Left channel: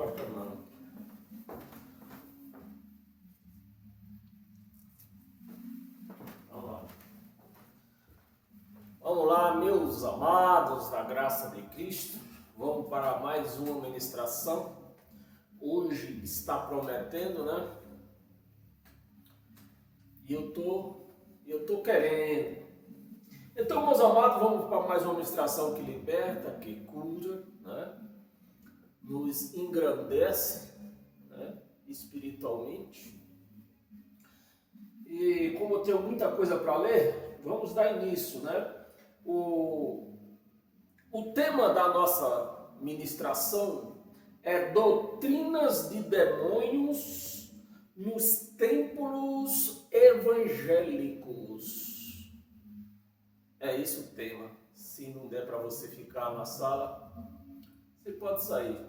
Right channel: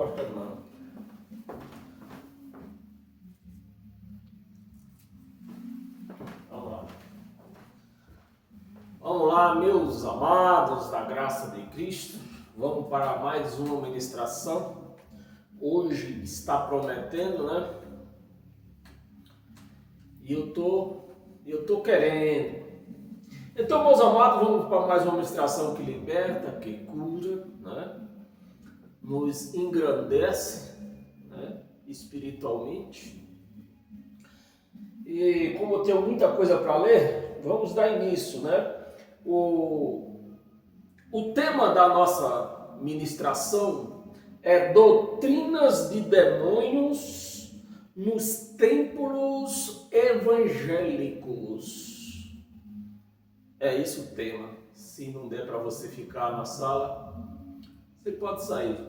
gostando não. Vamos lá, meus amados da graça de Cristo. Vamos para mais uma ministração. Hoje está prometendo, né? E eu tô querendo. Então, meus amados, vamos para mais uma ministração que liberta, que cura, né? Nos engrandece, né? Espiritualmente. E como eu tenho muita coisa para ler, vamos dar início, né? O tema da nossa ministração é doutrinas de demônios nos templos evangélicos. É isso o tema. Se não der para você ficar na sala, você pode sair.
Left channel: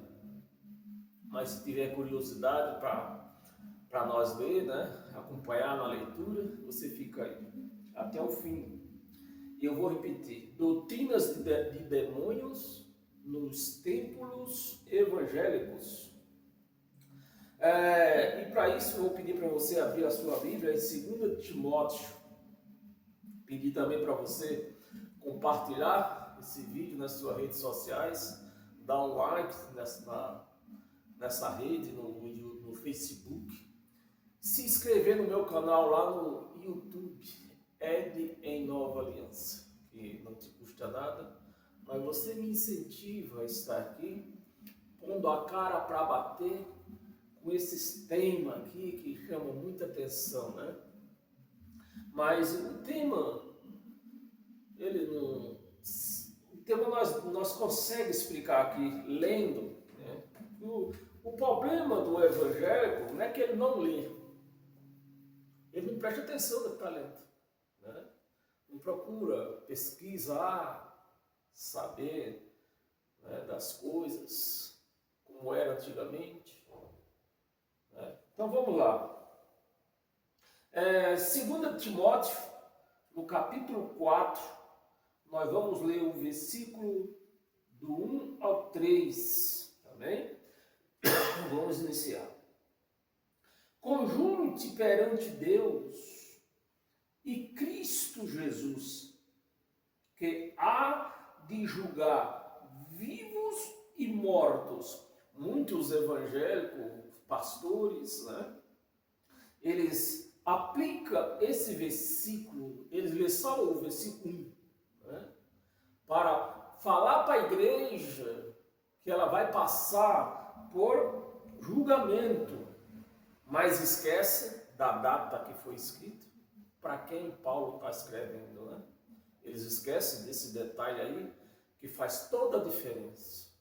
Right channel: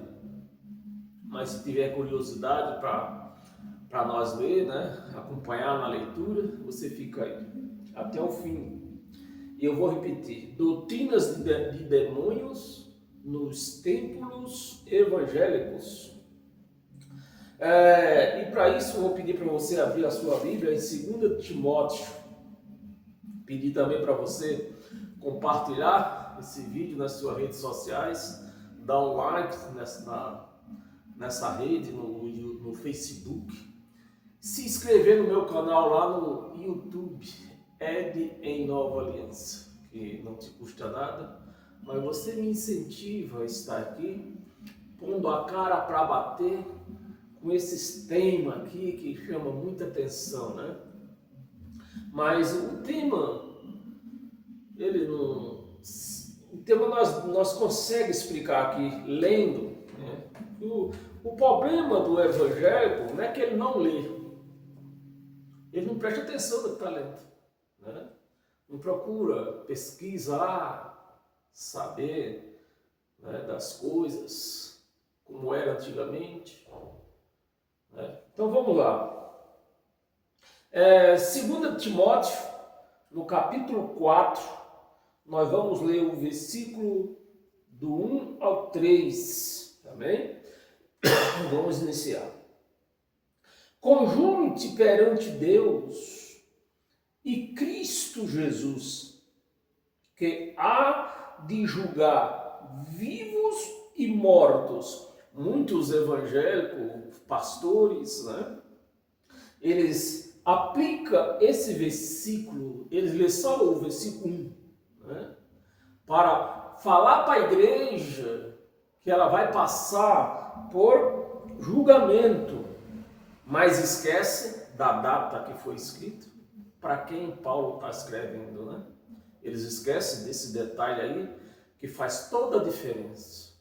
Mas se tiver curiosidade para nós ler, né, acompanhar na leitura, você fica aí até o fim. E eu vou repetir: doutrinas de demônios nos templos evangélicos. E para isso eu vou pedir para você abrir a sua Bíblia em 2 Timóteo. Pedir também para você compartilhar esse vídeo nas suas redes sociais, dar um like nessa rede, no Facebook, se inscrever no meu canal lá no YouTube, Ed em Nova Aliança, que não te custa nada, mas você me incentiva a estar aqui, pondo a cara para bater com esses temas aqui que chamam muita atenção, né? Mas o tema, nós conseguimos explicar aqui, lendo, né? O problema do evangélico não é que ele não lê, ele não presta atenção no que está lendo, né? Não procura pesquisar, saber, né, das coisas, como era antigamente, né? Então vamos lá. 2 Timóteo, no capítulo 4, nós vamos ler o versículo do 1 ao 3, tá bem? Vamos iniciar. Conjuro-te perante Deus e Cristo Jesus, que há de julgar vivos e mortos. Muitos evangélicos, pastores, né? Eles aplicam esse versículo, eles lêem só o versículo 1, né? Para falar para a igreja que ela vai passar por julgamento, mas esquece da data que foi escrito, para quem Paulo está escrevendo, né? Eles esquecem desse detalhe aí, que faz toda a diferença,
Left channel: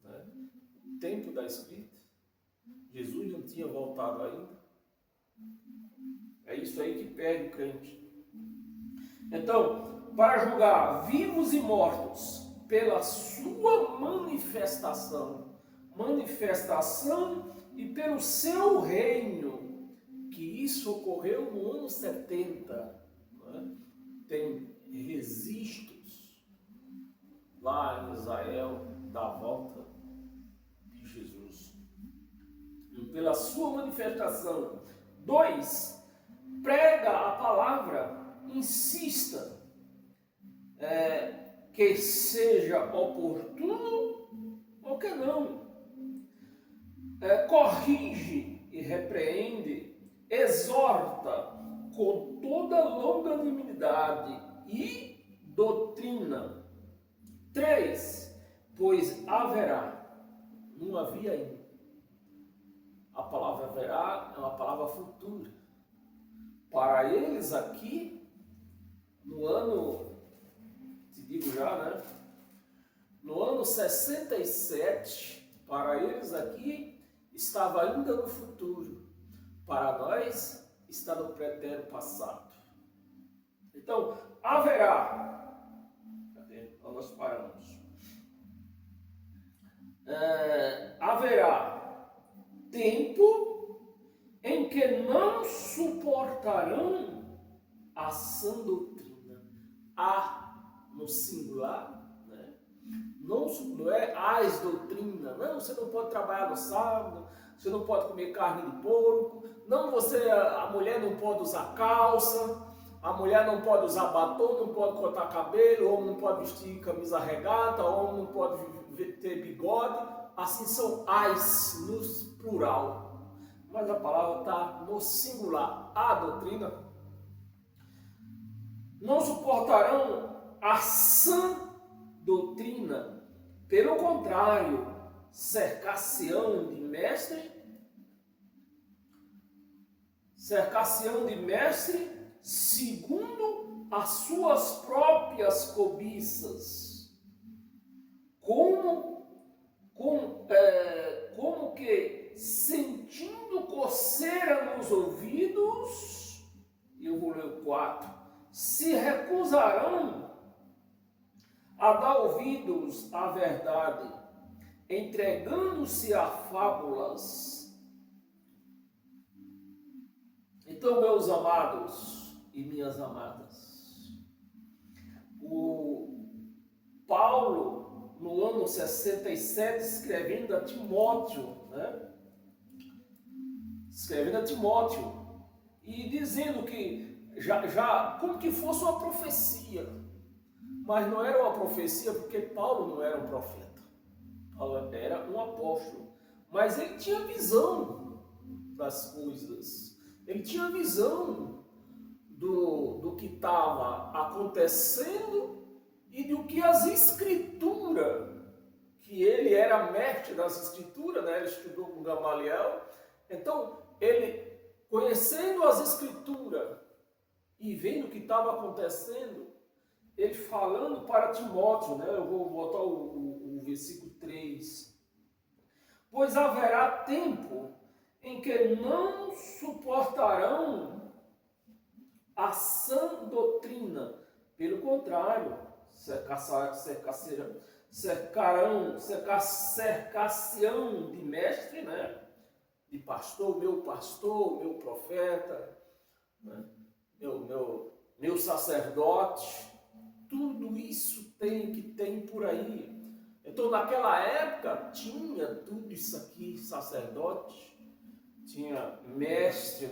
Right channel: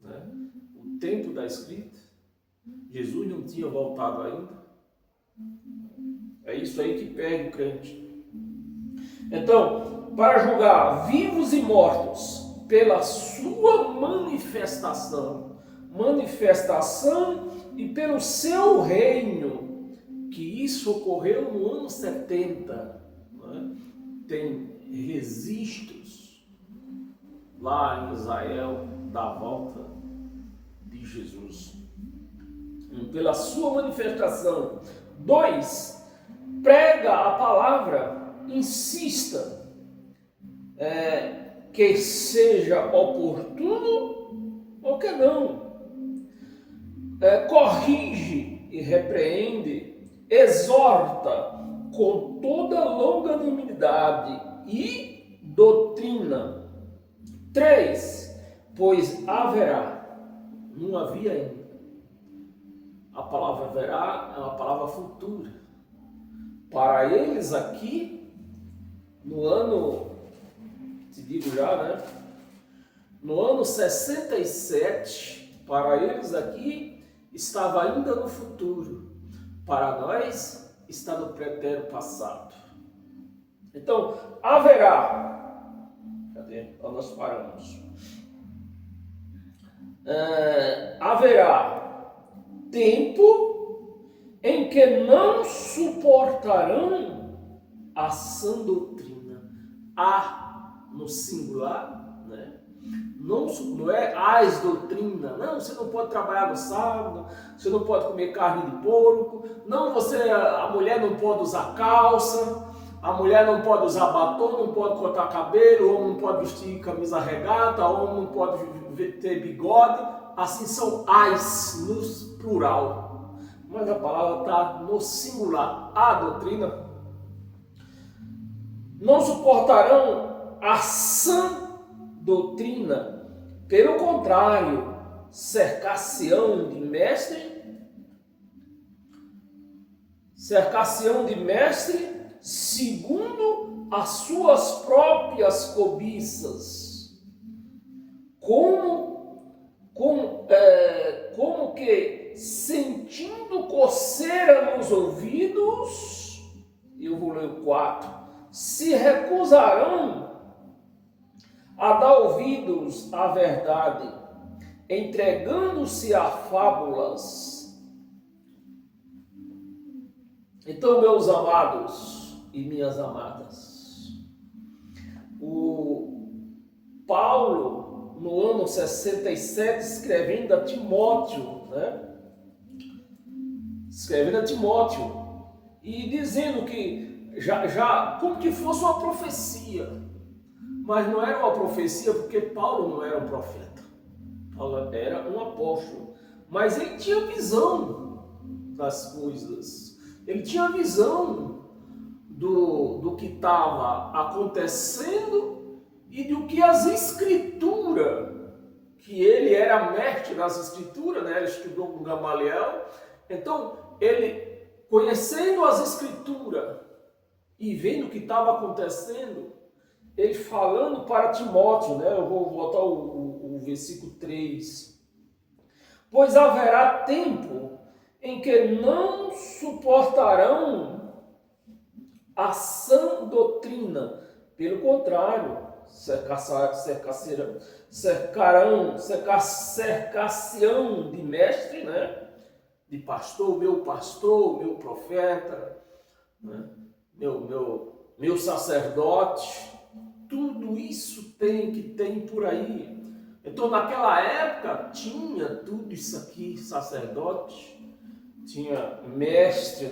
né? O tempo da escrita, Jesus não tinha voltado ainda. É isso aí que pega o crente. Então, para julgar vivos e mortos pela sua manifestação e pelo seu reino, que isso ocorreu no ano 70, né? Tem registros lá em Israel da volta de Jesus. Pela sua manifestação. 2, prega a palavra, insista, que seja oportuno ou que não. Corrige e repreende, exorta com toda longanimidade e doutrina. 3, pois haverá, não havia ainda. A palavra haverá é uma palavra futura. Para eles aqui, no ano, te digo já, né? No ano 67, para eles aqui, estava ainda no futuro. Para nós, está no pretérito passado. Então, haverá. Cadê? Nós paramos. Haverá tempo em que não suportarão a sã doutrina. A no singular, né? Não é as doutrinas. Não, você não pode trabalhar no sábado, você não pode comer carne de porco, não, a mulher não pode usar calça, a mulher não pode usar batom, não pode cortar cabelo, o homem não pode vestir camisa regata, o homem não pode ter bigode. Assim são as no plural. Mas a palavra está no singular. A doutrina. Não suportarão a sã doutrina, pelo contrário, cercar-se-ão de mestre segundo as suas próprias cobiças, como que sentindo coceira nos ouvidos, eu vou ler o 4, se recusarão a dar ouvidos à verdade, entregando-se a fábulas. Então, meus amados e minhas amadas, o Paulo, no ano 67, escrevendo a Timóteo, e dizendo que já como que fosse uma profecia, mas não era uma profecia porque Paulo não era um profeta, Paulo era um apóstolo, mas ele tinha visão das coisas, ele tinha visão do que estava acontecendo e do que as escrituras, que ele era mestre das escrituras, ele estudou com Gamaliel, então ele, conhecendo as escrituras e vendo o que estava acontecendo, ele falando para Timóteo, eu vou botar o versículo 3, pois haverá tempo em que não suportarão a sã doutrina, pelo contrário, cercar-se-ão de mestre, de pastor, meu profeta, meu sacerdote, tudo isso tem por aí. Então, naquela época, tinha tudo isso aqui, sacerdote, tinha mestre,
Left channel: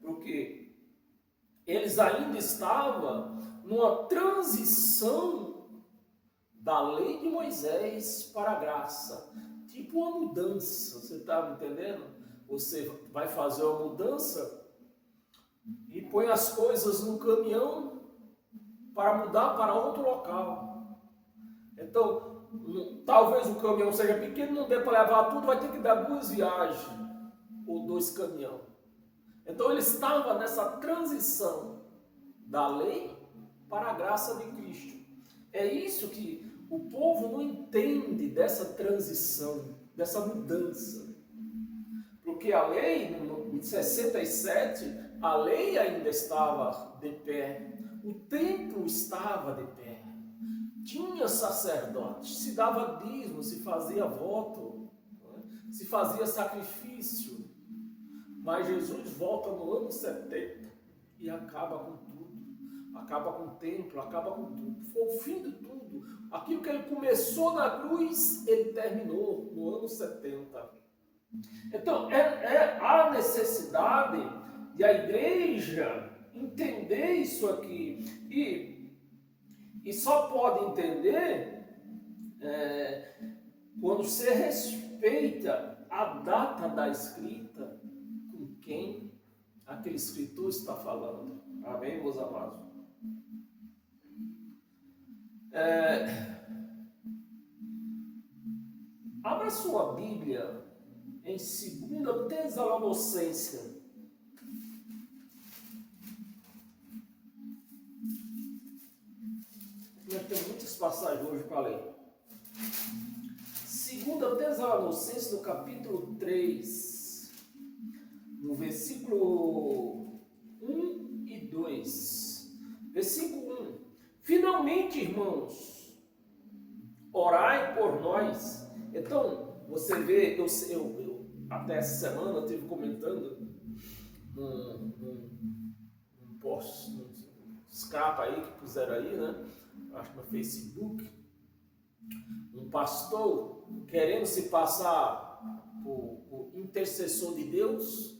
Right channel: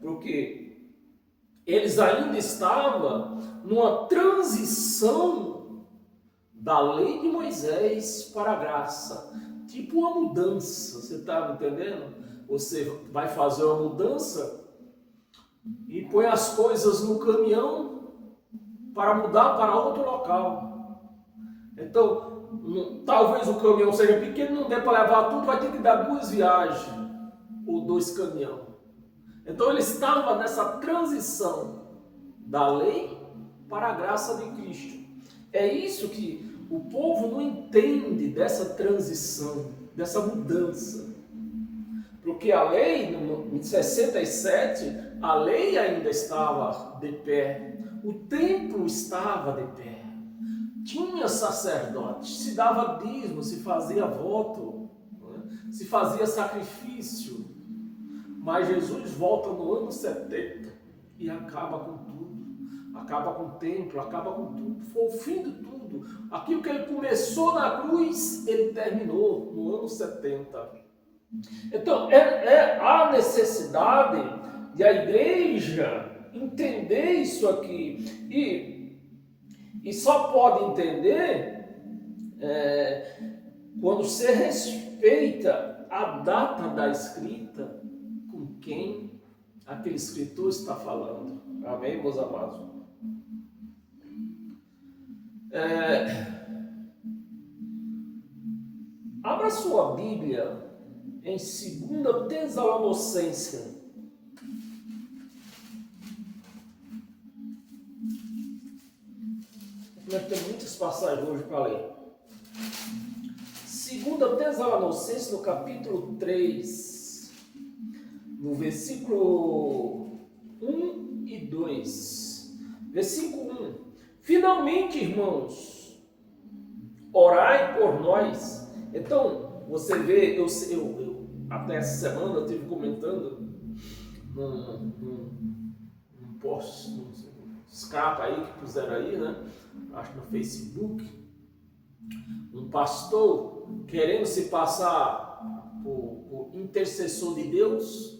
porque eles ainda estavam numa transição da lei de Moisés para a graça, tipo uma mudança, você está me entendendo? Você vai fazer uma mudança e põe as coisas no caminhão para mudar para outro local. Então, talvez o caminhão seja pequeno, não dê para levar tudo, vai ter que dar 2 viagens ou 2 caminhões. Então ele estava nessa transição da lei para a graça de Cristo. É isso que o povo não entende, dessa transição, dessa mudança. Porque a lei, em 67, a lei ainda estava de pé, o templo estava de pé, tinha sacerdote, se dava dízimo, se fazia voto, se fazia sacrifício. Mas Jesus volta no ano 70 e acaba com tudo, acaba com o templo, acaba com tudo, foi o fim de tudo. Aquilo que ele começou na cruz, ele terminou no ano 70. Então, a necessidade de a igreja entender isso aqui, e só pode entender quando se respeita a data da escrita com quem aquele escritor está falando. Amém, meus amados? Abra sua Bíblia em 2 Tessalonicenses. Nós temos muitas passagens hoje para ler. 2 Tessalonicenses, no capítulo 3, no versículo 1 e 2. Versículo 1. Finalmente, irmãos, orai por nós. Então, você vê, eu até essa semana eu estive comentando num post, num escapa aí que puseram aí, acho no Facebook, Um pastor querendo se passar por intercessor de Deus,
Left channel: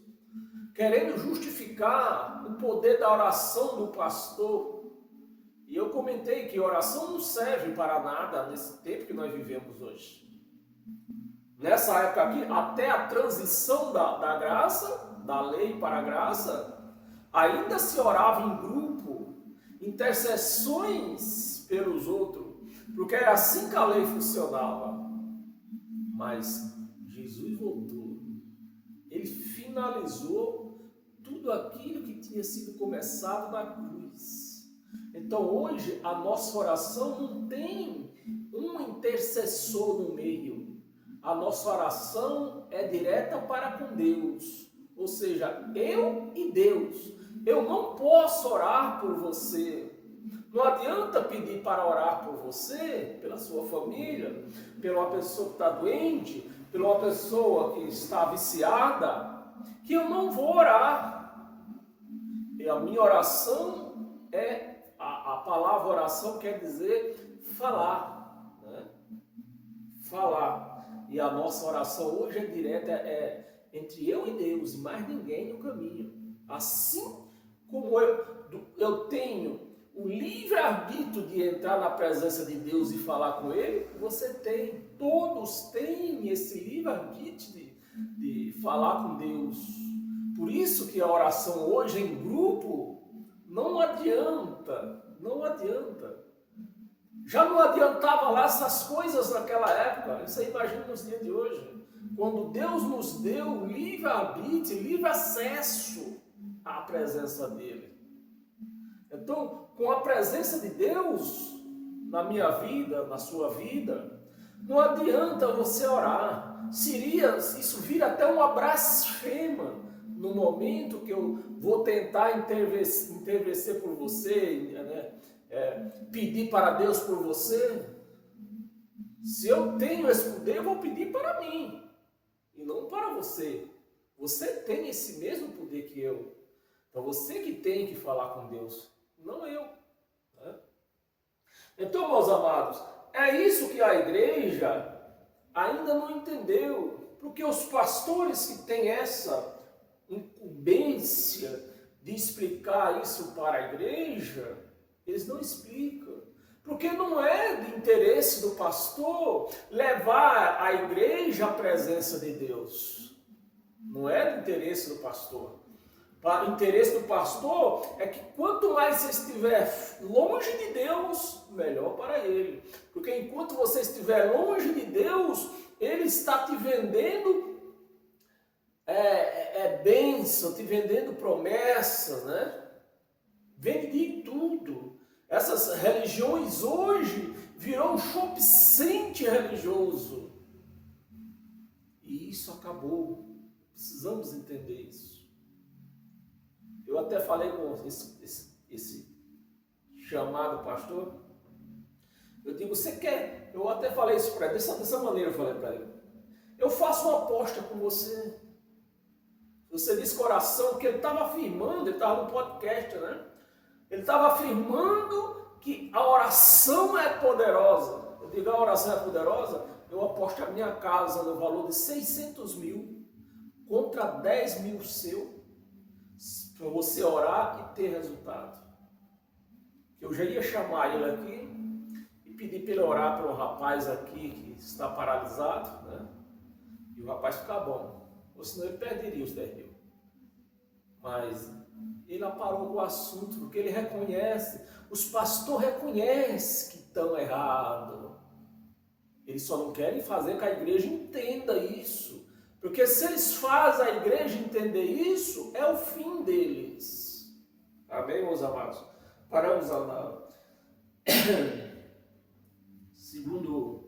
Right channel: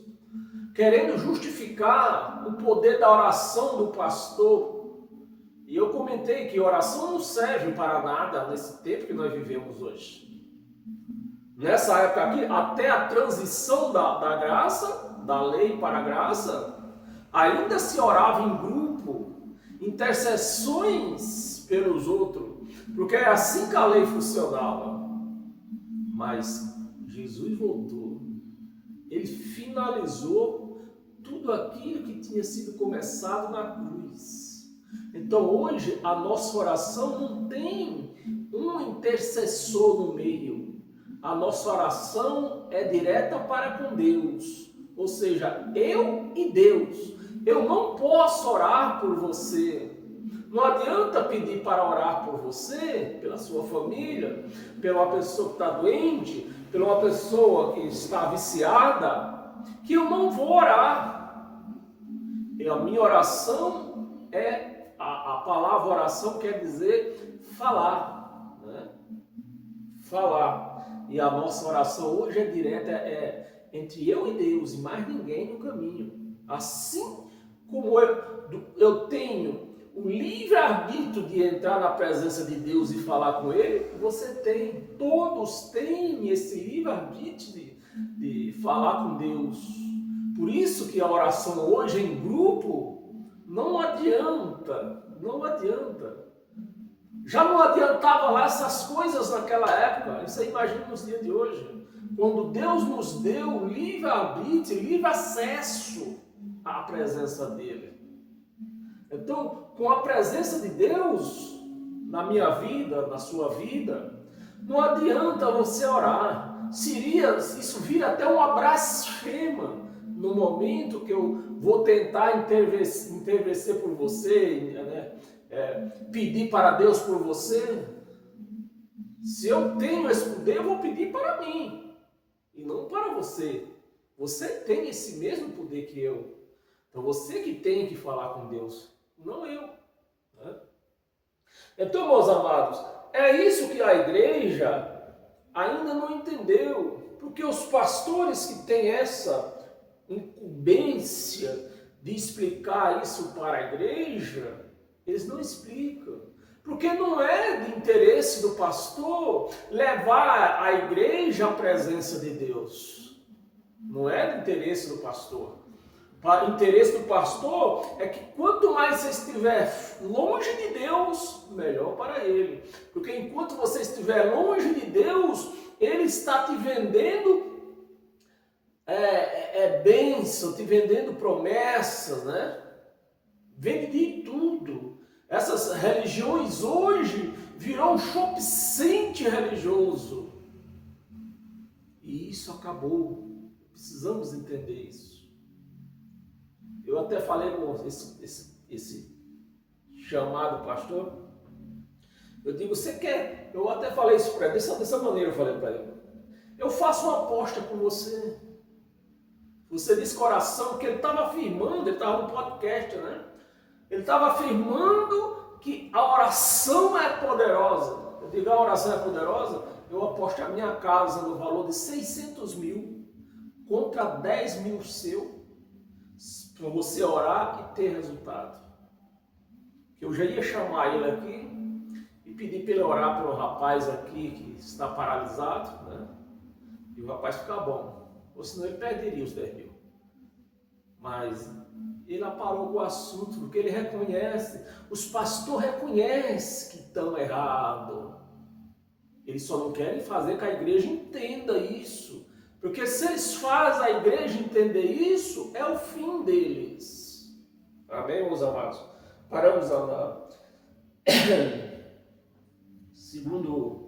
querendo justificar o poder da oração do pastor. E eu comentei que oração não serve para nada nesse tempo que nós vivemos hoje. Nessa época aqui, até a transição da graça, da lei para a graça, ainda se orava em grupo, intercessões pelos outros, porque era assim que a lei funcionava. Mas Jesus voltou, ele finalizou tudo aquilo que tinha sido começado na cruz. Então hoje a nossa oração não tem um intercessor no meio. A nossa oração é direta para com Deus, ou seja, eu e Deus. Eu não posso orar por você. Não adianta pedir para orar por você, pela sua família, pela uma pessoa que está doente, pela uma pessoa que está viciada, que eu não vou orar. E a minha oração é, a palavra oração quer dizer falar, né? Falar. E a nossa oração hoje é direta, é entre eu e Deus, e mais ninguém no caminho. Assim como eu tenho o livre-arbítrio de entrar na presença de Deus e falar com Ele, você tem, todos têm esse livre-arbítrio de falar com Deus. Por isso que a oração hoje em grupo não adianta, não adianta. Já não adiantava lá essas coisas naquela época, você imagina nos dias de hoje, quando Deus nos deu livre-arbítrio, livre acesso à presença dEle. Então, com a presença de Deus na minha vida, na sua vida, não adianta você orar. Isso vira até uma blasfema no momento que eu vou tentar interceder por você, né? Pedir para Deus por você. Se eu tenho esse poder, eu vou pedir para mim e não para você. Você tem esse mesmo poder que eu. Então você que tem que falar com Deus, não eu. Né? Então, meus amados, é isso que a igreja ainda não entendeu. Porque os pastores que têm essa incumbência de explicar isso para a igreja, eles não explicam. Porque não é de interesse do pastor levar a igreja à presença de Deus. Não é de interesse do pastor. O interesse do pastor é que quanto mais você estiver longe de Deus, melhor para ele. Porque enquanto você estiver longe de Deus, ele está te vendendo bênção, te vendendo promessas, né? Vende de tudo. Essas religiões hoje virou um shopping center religioso. E isso acabou. Precisamos entender isso. Eu até falei com esse chamado pastor. Eu digo, você quer? Eu até falei isso para ele, dessa maneira eu falei para ele. Eu faço uma aposta com você. Você disse coração, que ele estava afirmando, ele estava no podcast, né? Ele estava afirmando que a oração é poderosa. Eu digo, a oração é poderosa? Eu aposto a minha casa no valor de 600 mil contra 10 mil seu, para você orar e ter resultado. Eu já ia chamar ele aqui e pedir para ele orar pelo rapaz aqui que está paralisado, né? E o rapaz ficar bom. Ou senão ele perderia os 10 mil. Mas ele aparou com o assunto, porque ele reconhece, os pastores reconhecem que estão errados. Eles só não querem fazer que a igreja entenda isso. Porque se eles fazem a igreja entender isso, é o fim deles. Amém, meus amados? Paramos a andar. Segundo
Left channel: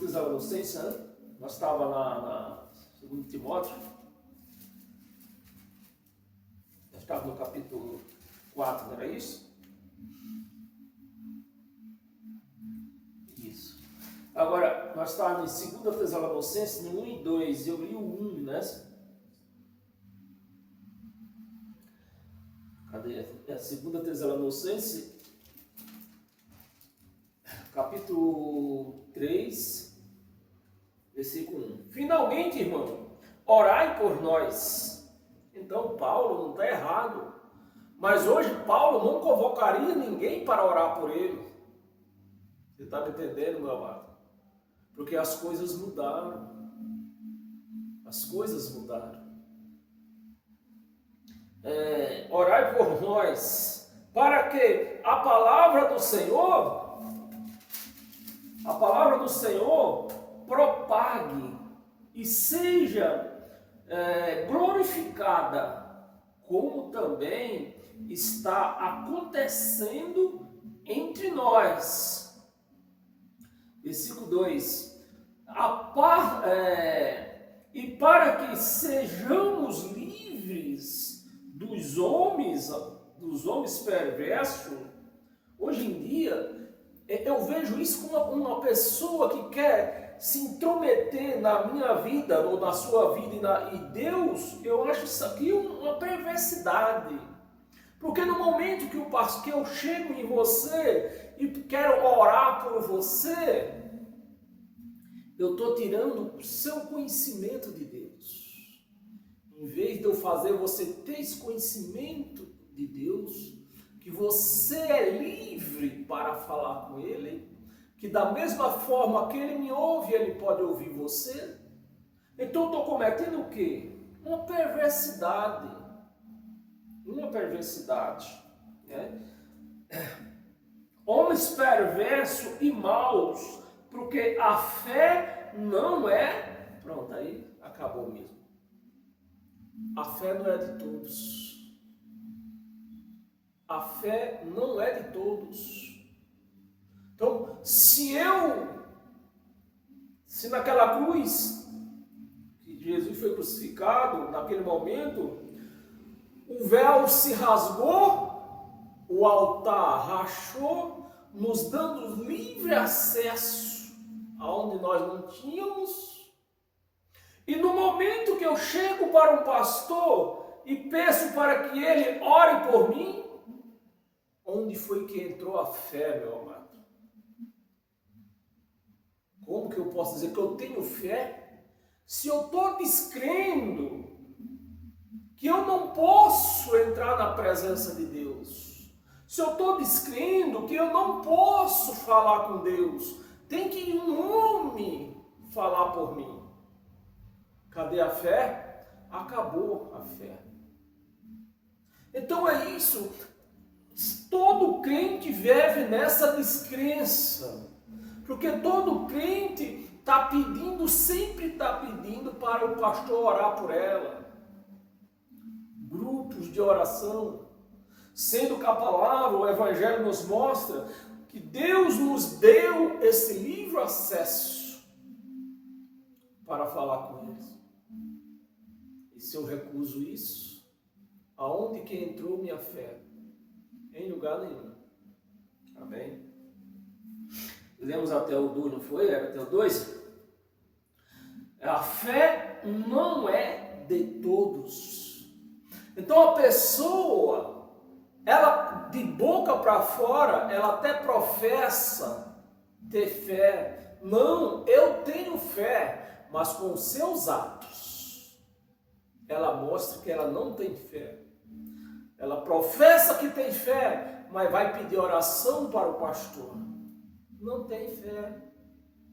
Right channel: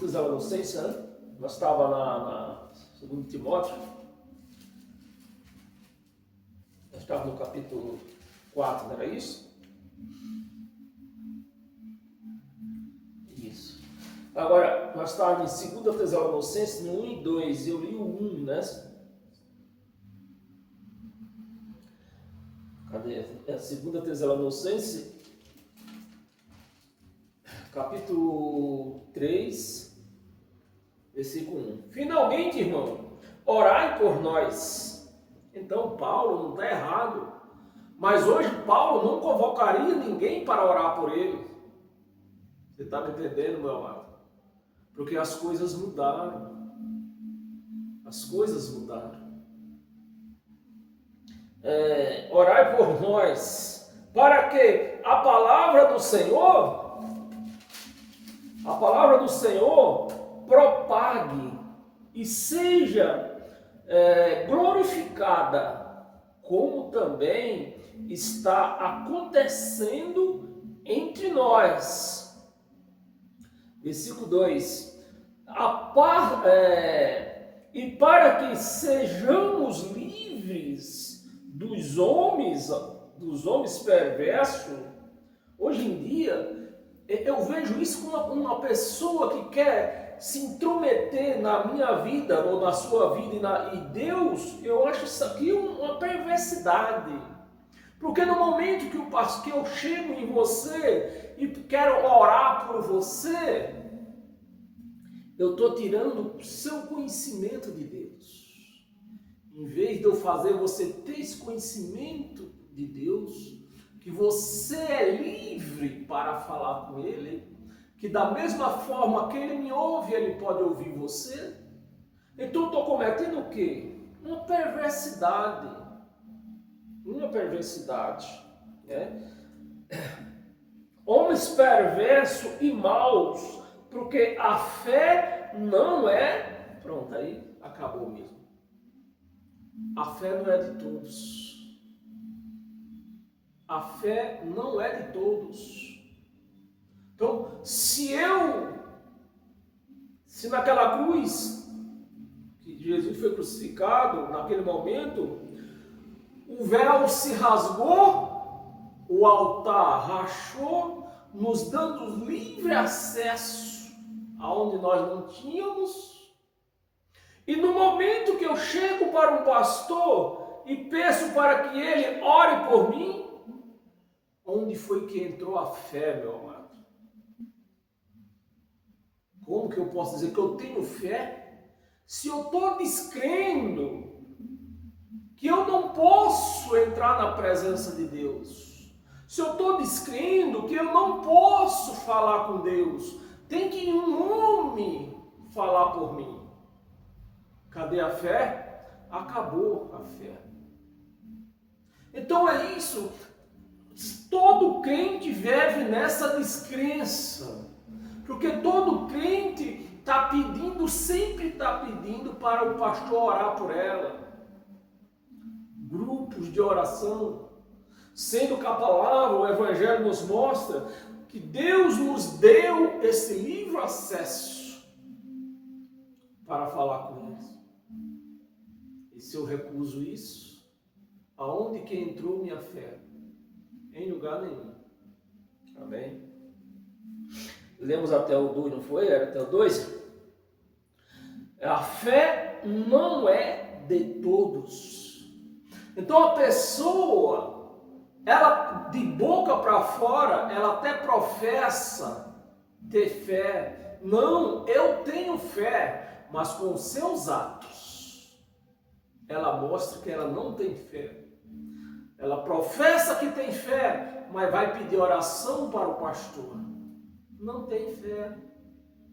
Tessalonicenses, né? Nós estávamos na segundo Timóteo. Nós estávamos no capítulo 4, não era isso? Isso. Agora, nós estávamos em 2 Tessalonicenses, no 1 e 2. Eu li o 1, né? Cadê? É 2 Tessalonicenses capítulo 3, versículo 1. Finalmente, irmão, orai por nós. Então, Paulo não está errado. Mas hoje, Paulo não convocaria ninguém para orar por ele. Você está me entendendo, meu amado? Porque as coisas mudaram. As coisas mudaram. Orai por nós, para que a palavra do Senhor propague e seja glorificada, como também está acontecendo entre nós. Versículo 2. E para que sejamos livres dos homens perversos. Hoje em dia, eu vejo isso como uma pessoa que quer se intrometer na minha vida ou na sua vida e Deus, eu acho isso aqui uma perversidade. Porque no momento que eu chego em você e quero orar por você, eu estou tirando o seu conhecimento de Deus. Em vez de eu fazer você ter esse conhecimento de Deus, que você é livre para falar com Ele, que da mesma forma que Ele me ouve, Ele pode ouvir você. Então eu estou cometendo o quê? Uma perversidade. Né? Homens perversos e maus, porque a fé não é... Pronto, aí acabou mesmo. A fé não é de todos. A fé não é de todos. Então, se naquela cruz, que Jesus foi crucificado, naquele momento, o véu se rasgou, o altar rachou, nos dando livre acesso aonde nós não tínhamos. E no momento que eu chego para um pastor e peço para que ele ore por mim, onde foi que entrou a fé, meu amado? Como que eu posso dizer que eu tenho fé se eu estou descrendo que eu não posso entrar na presença de Deus? Se eu estou descrendo que eu não posso falar com Deus, tem que ir um homem falar por mim. Cadê a fé? Acabou a fé. Então é isso. Todo crente vive nessa descrença. Porque todo crente está pedindo, sempre está pedindo para o pastor orar por ela. Grupos de oração. Sendo que a palavra, o Evangelho nos mostra que Deus nos deu esse livre acesso para falar com Ele. E se eu recuso isso, aonde que entrou minha fé? Em lugar nenhum. Amém? Lemos até o 2, não foi? Era até o 2? A fé não é de todos. Então a pessoa, ela de boca para fora, ela até professa ter fé. Não, eu tenho fé, mas com os seus atos, ela mostra que ela não tem fé. Ela professa que tem fé, mas vai pedir oração para o pastor. Não tem fé.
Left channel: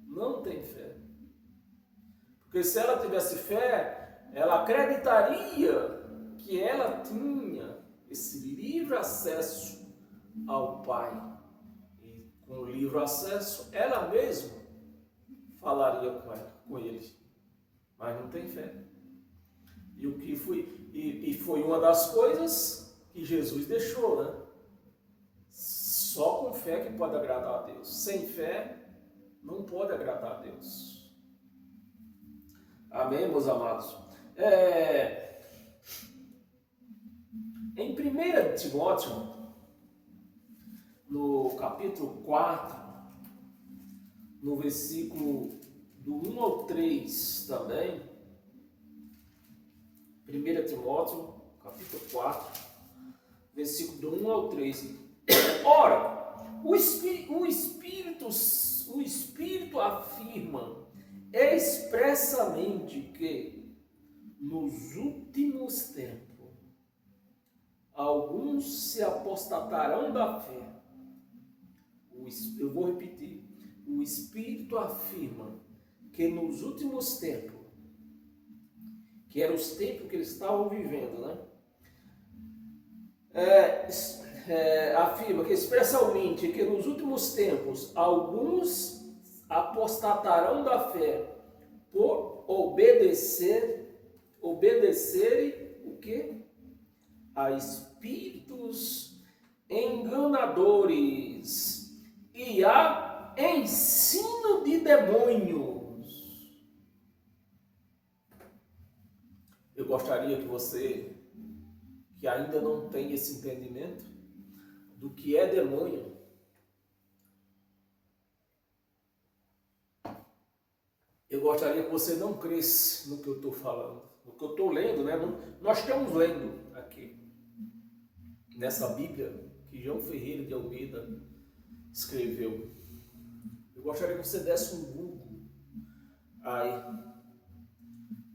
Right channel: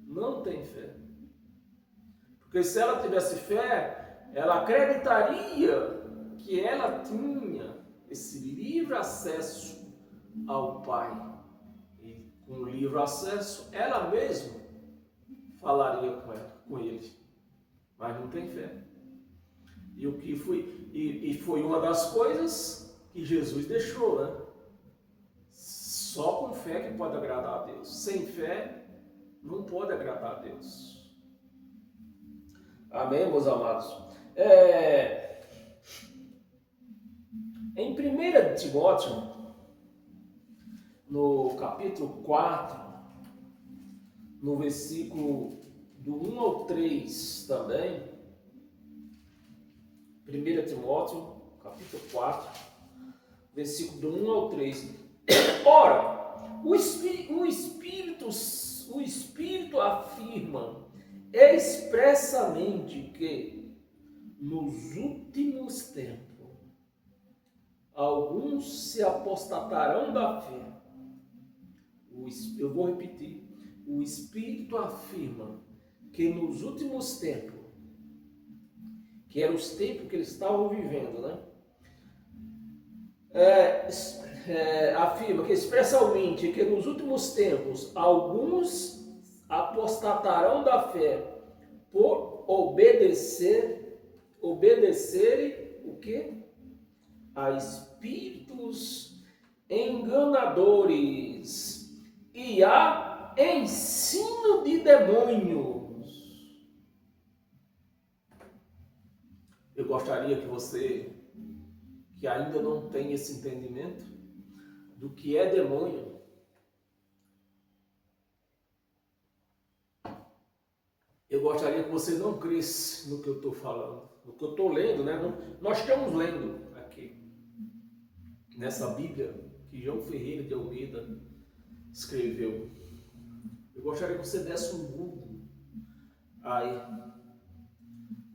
Não tem fé. Porque se ela tivesse fé, ela acreditaria que ela tinha esse livre acesso ao Pai. E com o livre acesso, ela mesma falaria com ele. Mas não tem fé. E foi uma das coisas que Jesus deixou, né? Só com fé que pode agradar a Deus. Sem fé, não pode agradar a Deus. Amém, meus amados? Em 1 Timóteo, no capítulo 4, no versículo do 1 ao 3 também, 1 Timóteo, capítulo 4, versículo do 1 ao 3. Ora, O Espírito afirma expressamente que nos últimos tempos alguns se apostatarão da fé. Eu vou repetir. O Espírito afirma que nos últimos tempos, que eram os tempos que eles estavam vivendo, né? Afirma que expressamente que nos últimos tempos alguns apostatarão da fé por obedecerem o quê? A espíritos enganadores e a ensino de demônios. Eu gostaria que você, que ainda não tem esse entendimento do que é demônio, eu gostaria que você não cresce no que eu estou falando, no que eu estou lendo, né? Nós estamos lendo aqui, nessa Bíblia que João Ferreira de Almeida escreveu. Eu gostaria que você desse um Google aí.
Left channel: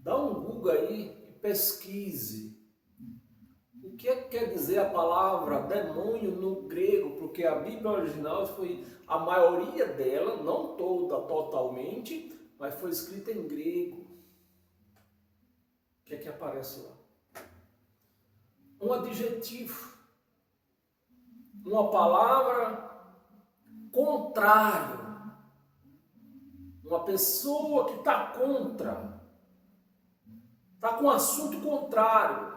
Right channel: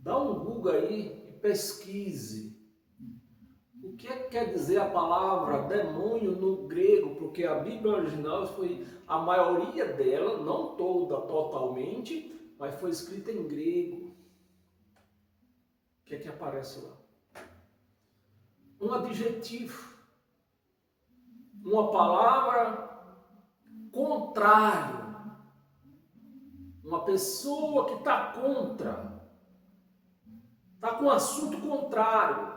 Dá um Google aí e pesquise o que é que quer dizer a palavra demônio no grego, porque a Bíblia original foi, a maioria dela, não toda totalmente, mas foi escrita em grego. O que é que aparece lá? Um adjetivo, uma palavra contrário, uma pessoa que está contra, está com um assunto contrário.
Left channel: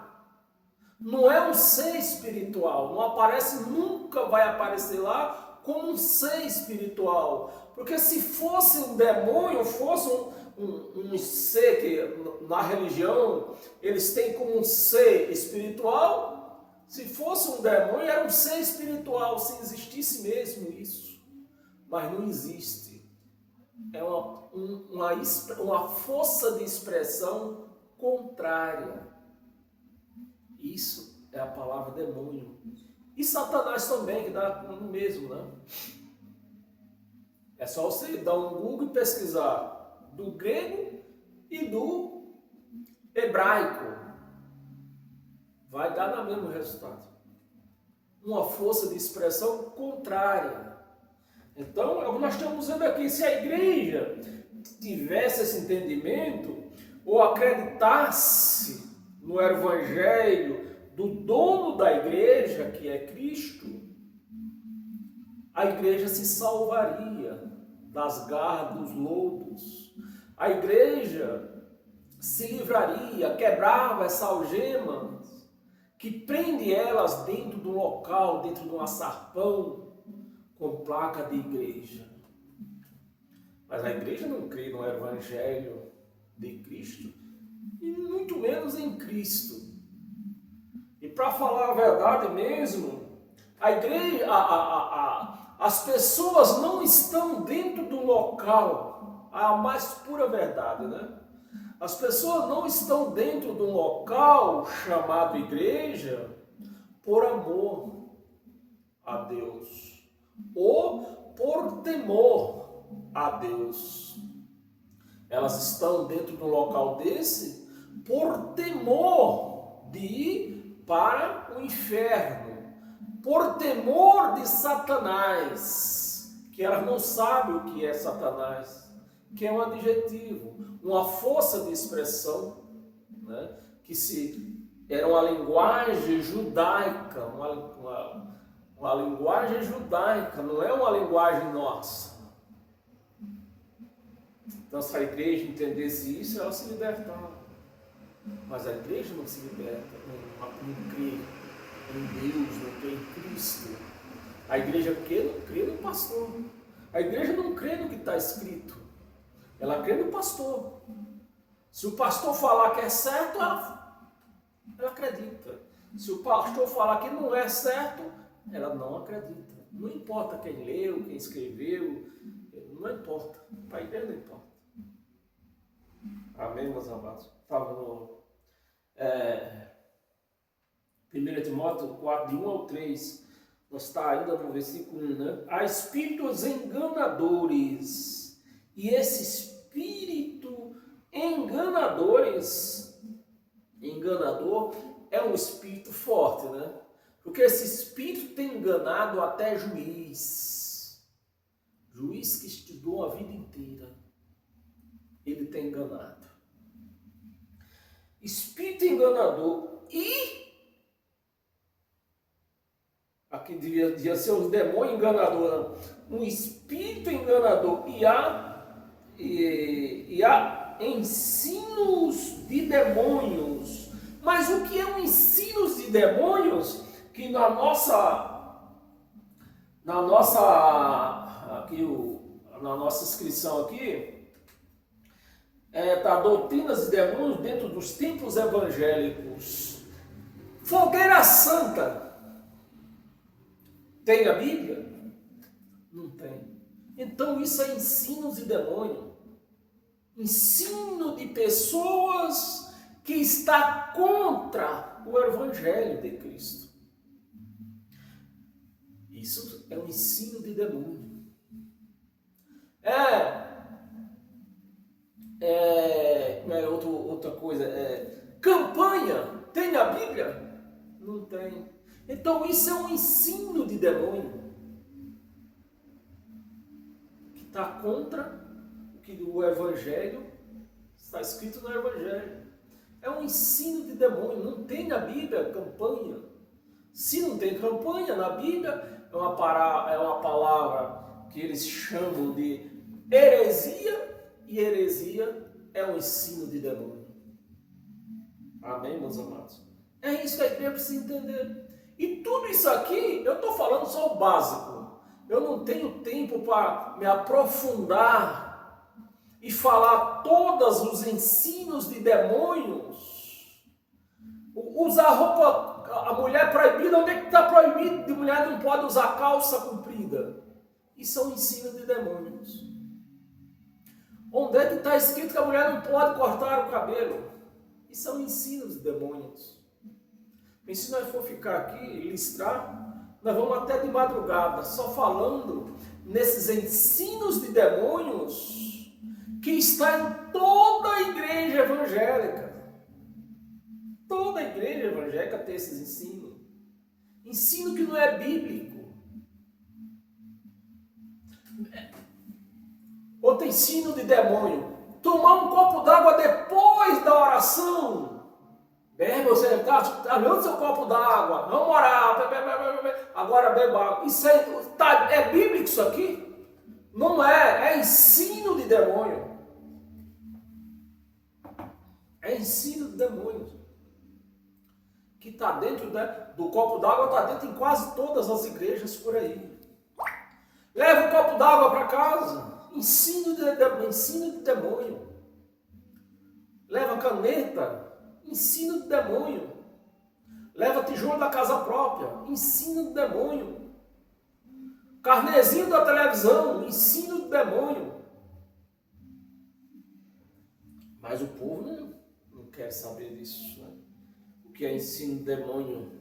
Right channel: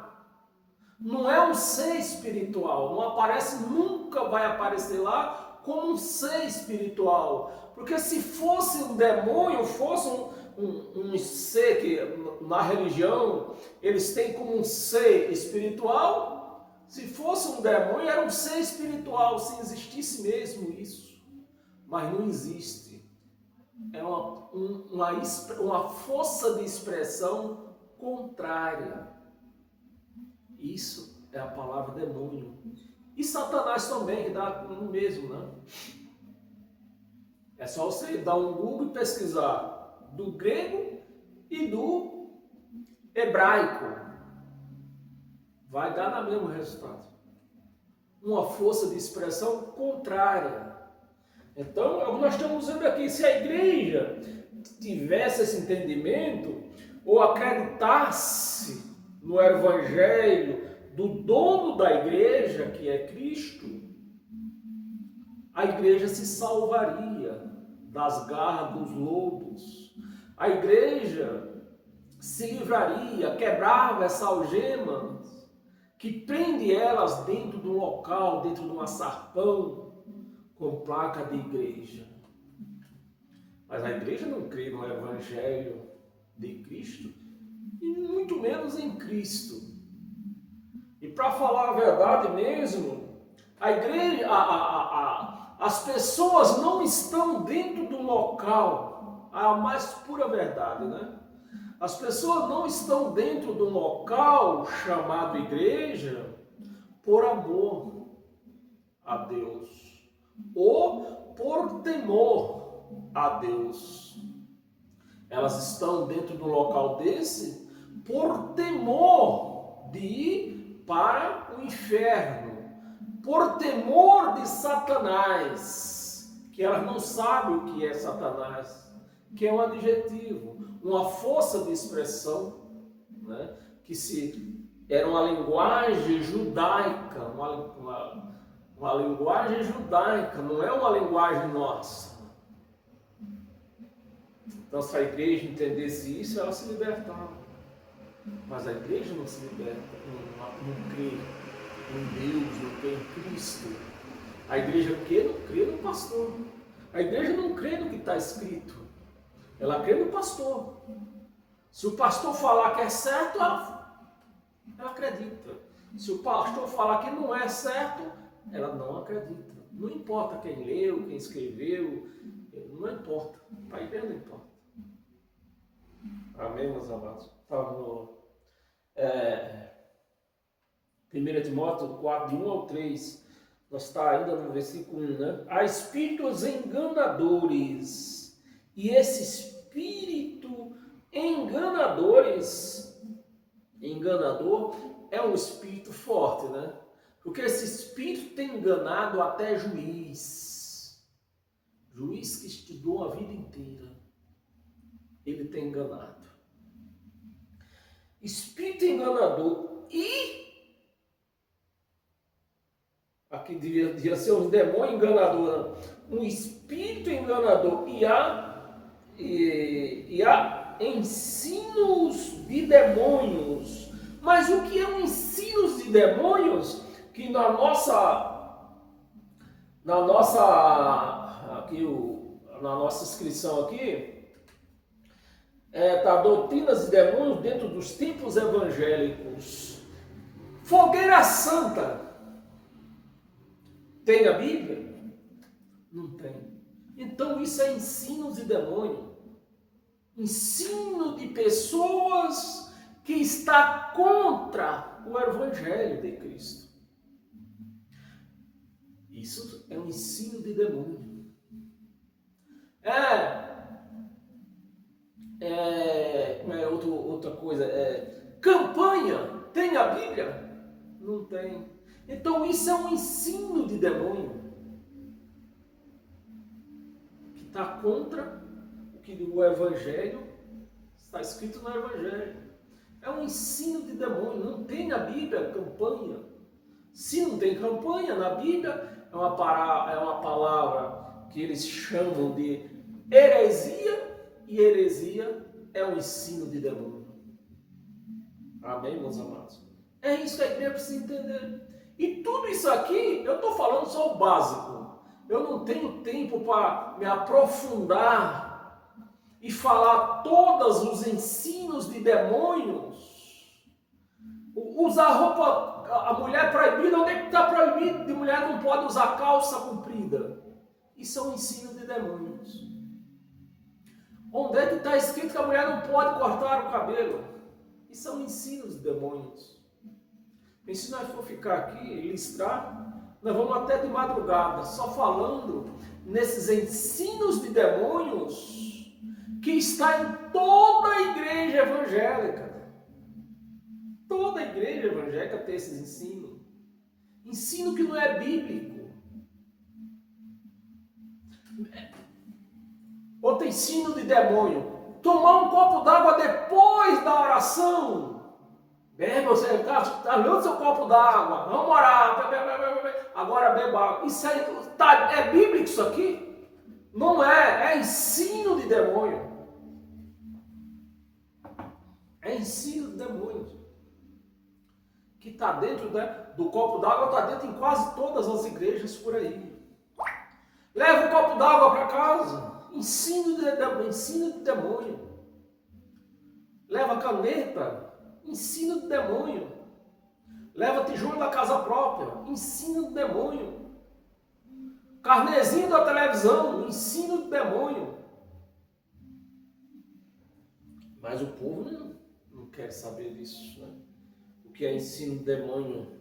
Não é um ser espiritual, não aparece, nunca vai aparecer lá como um ser espiritual. Porque se fosse um demônio, fosse um ser que na religião eles têm como um ser espiritual, se fosse um demônio era um ser espiritual, se existisse mesmo isso. Mas não existe. É uma força de expressão contrária. Isso é a palavra demônio. E Satanás também, que dá no mesmo, né? É só você dar um Google e pesquisar do grego e do hebraico. Vai dar no mesmo resultado. Uma força de expressão contrária. Então, é o que nós estamos vendo aqui. Se a igreja tivesse esse entendimento, ou acreditasse no evangelho do dono da igreja, que é Cristo, a igreja se salvaria das garras dos lobos. A igreja se livraria, quebrava essa algema que prende elas dentro de um local, dentro de um açarpão com placa de igreja. Mas a igreja não crê no evangelho de Cristo e muito menos em Cristo. E para falar a verdade mesmo, a igreja, as pessoas não estão dentro do local, a mais pura verdade, né? As pessoas não estão dentro de um local chamado igreja por amor a Deus ou por temor a Deus. Elas estão dentro de um local desse por temor de ir para o inferno, por temor de Satanás, que elas não sabem o que é Satanás, que é um adjetivo, uma força de expressão, né? Era uma linguagem judaica, uma linguagem judaica, não é uma linguagem nossa. Então, se a igreja entendesse isso, ela se libertava. Mas a igreja não se liberta, não crê em Deus, não crê em Cristo. A igreja não crê no pastor. A igreja não crê no que está escrito. Ela crê no pastor. Se o pastor falar que é certo, ela acredita. Se o pastor falar que não é certo, ela não acredita. Não importa quem leu, quem escreveu, não importa. Para a igreja não importa. Amém, meus amados? Estava no 1 Timóteo 4, de 1 ao 3. Nós está ainda no versículo 1, né? Há espíritos enganadores. E esse espírito enganador é um espírito forte, né? Porque esse espírito tem enganado até juiz. Juiz que estudou a vida inteira. Ele tem enganado. Espírito enganador. E aqui devia ser um demônio enganador, não. Um espírito enganador. E há ensinos de demônios. Mas o que é um ensino de demônios? Que na nossa inscrição aqui, tá, doutrinas de demônios dentro dos templos evangélicos. Fogueira Santa. Tem a Bíblia? Não tem. Então isso é ensino de demônio. Ensino de pessoas que está contra o Evangelho de Cristo. Isso é um ensino de demônio. Outra coisa, campanha, tem a Bíblia? Não tem. Então isso é um ensino de demônio que está contra o que o Evangelho está escrito no Evangelho. É um ensino de demônio. Não tem na Bíblia campanha. Se não tem campanha na Bíblia, é uma palavra que eles chamam de heresia, e heresia é um ensino de demônio. Amém, meus amados? É isso que a igreja precisa entender. E tudo isso aqui, eu estou falando só o básico. Eu não tenho tempo para me aprofundar e falar todos os ensinos de demônios. Usar roupa, a mulher proibida, onde é que está proibido? De mulher não pode usar calça comprida. Isso é um ensino de demônios. Onde é que está escrito que a mulher não pode cortar o cabelo? Isso é um ensino de demônios. E se nós for ficar aqui e listrar, nós vamos até de madrugada, só falando nesses ensinos de demônios que está em toda a igreja evangélica. Toda a igreja evangélica tem esses ensinos. Ensino que não é bíblico. Outro ensino de demônio. Tomar um copo d'água depois da oração. Bem, você está lendo seu copo d'água. Vamos orar. Agora beba água. Isso aí, é bíblico isso aqui? Não é. É ensino de demônio. É ensino de demônio. Que está dentro, né, do copo d'água, está dentro em quase todas as igrejas por aí. Leva o copo d'água para casa. Ensino de demônio. Leva caneta. Ensino de demônio. Leva tijolo da casa própria. Ensino de demônio. Carnezinho da televisão. Ensino de demônio. Mas o povo não quer saber disso, né? O que é ensino de demônio?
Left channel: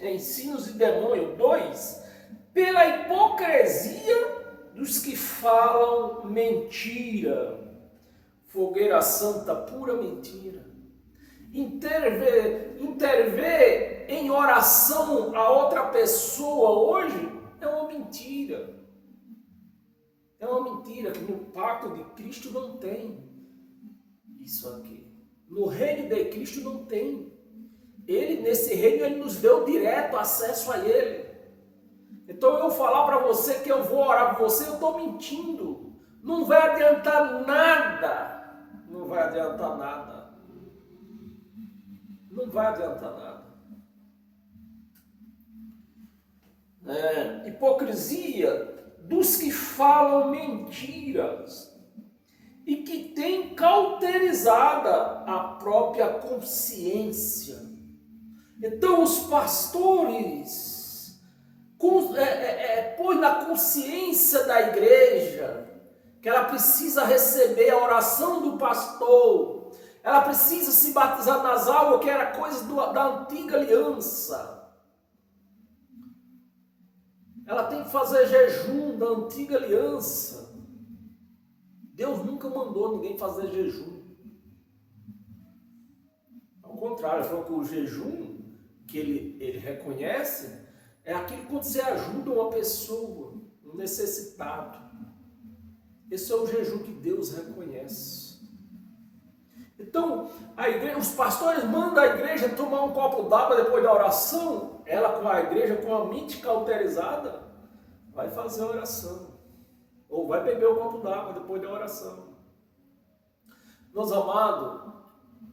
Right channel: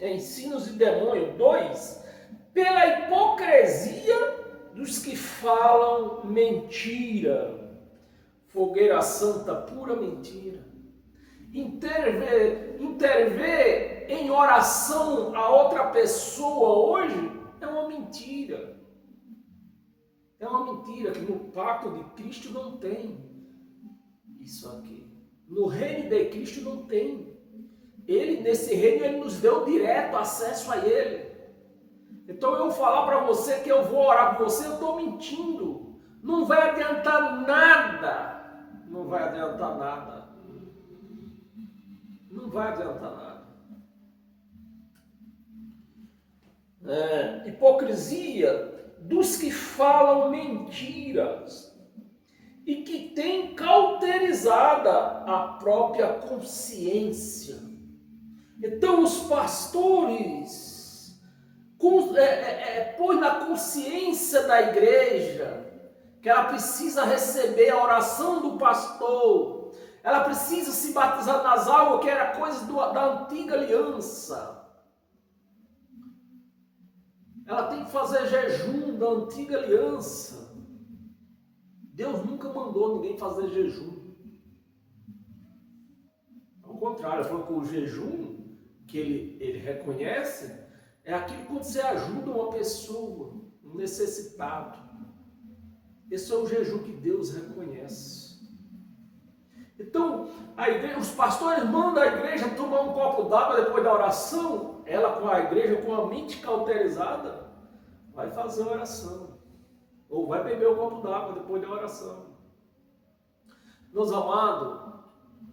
Ensinos de demônio. 2. Pela hipocrisia dos que falam mentira. Fogueira Santa, pura mentira. Interver em oração a outra pessoa hoje é uma mentira. É uma mentira que no pacto de Cristo não tem isso aqui. No reino de Cristo não tem. Ele, nesse reino, ele nos deu direto acesso a ele. Então eu falar para você que eu vou orar por você, eu estou mentindo. Não vai adiantar nada. Não vai adiantar nada. Não vai adiantar nada. Hipocrisia dos que falam mentiras e que têm cauterizada a própria consciência. Então os pastores põe na consciência da igreja que ela precisa receber a oração do pastor, Ela precisa se batizar nas águas, que era coisa da antiga aliança. Ela tem que fazer jejum da antiga aliança. Deus nunca mandou ninguém fazer jejum. Ao contrário, falou que o jejum que ele reconhece é aquilo quando você ajuda uma pessoa, um necessitado. Esse é o jejum que Deus reconhece. Então, os pastores mandam a igreja tomar um copo d'água depois da oração. Ela com a igreja, com a mente cauterizada, vai fazer a oração. Ou vai beber o copo d'água depois da oração. Meus amados,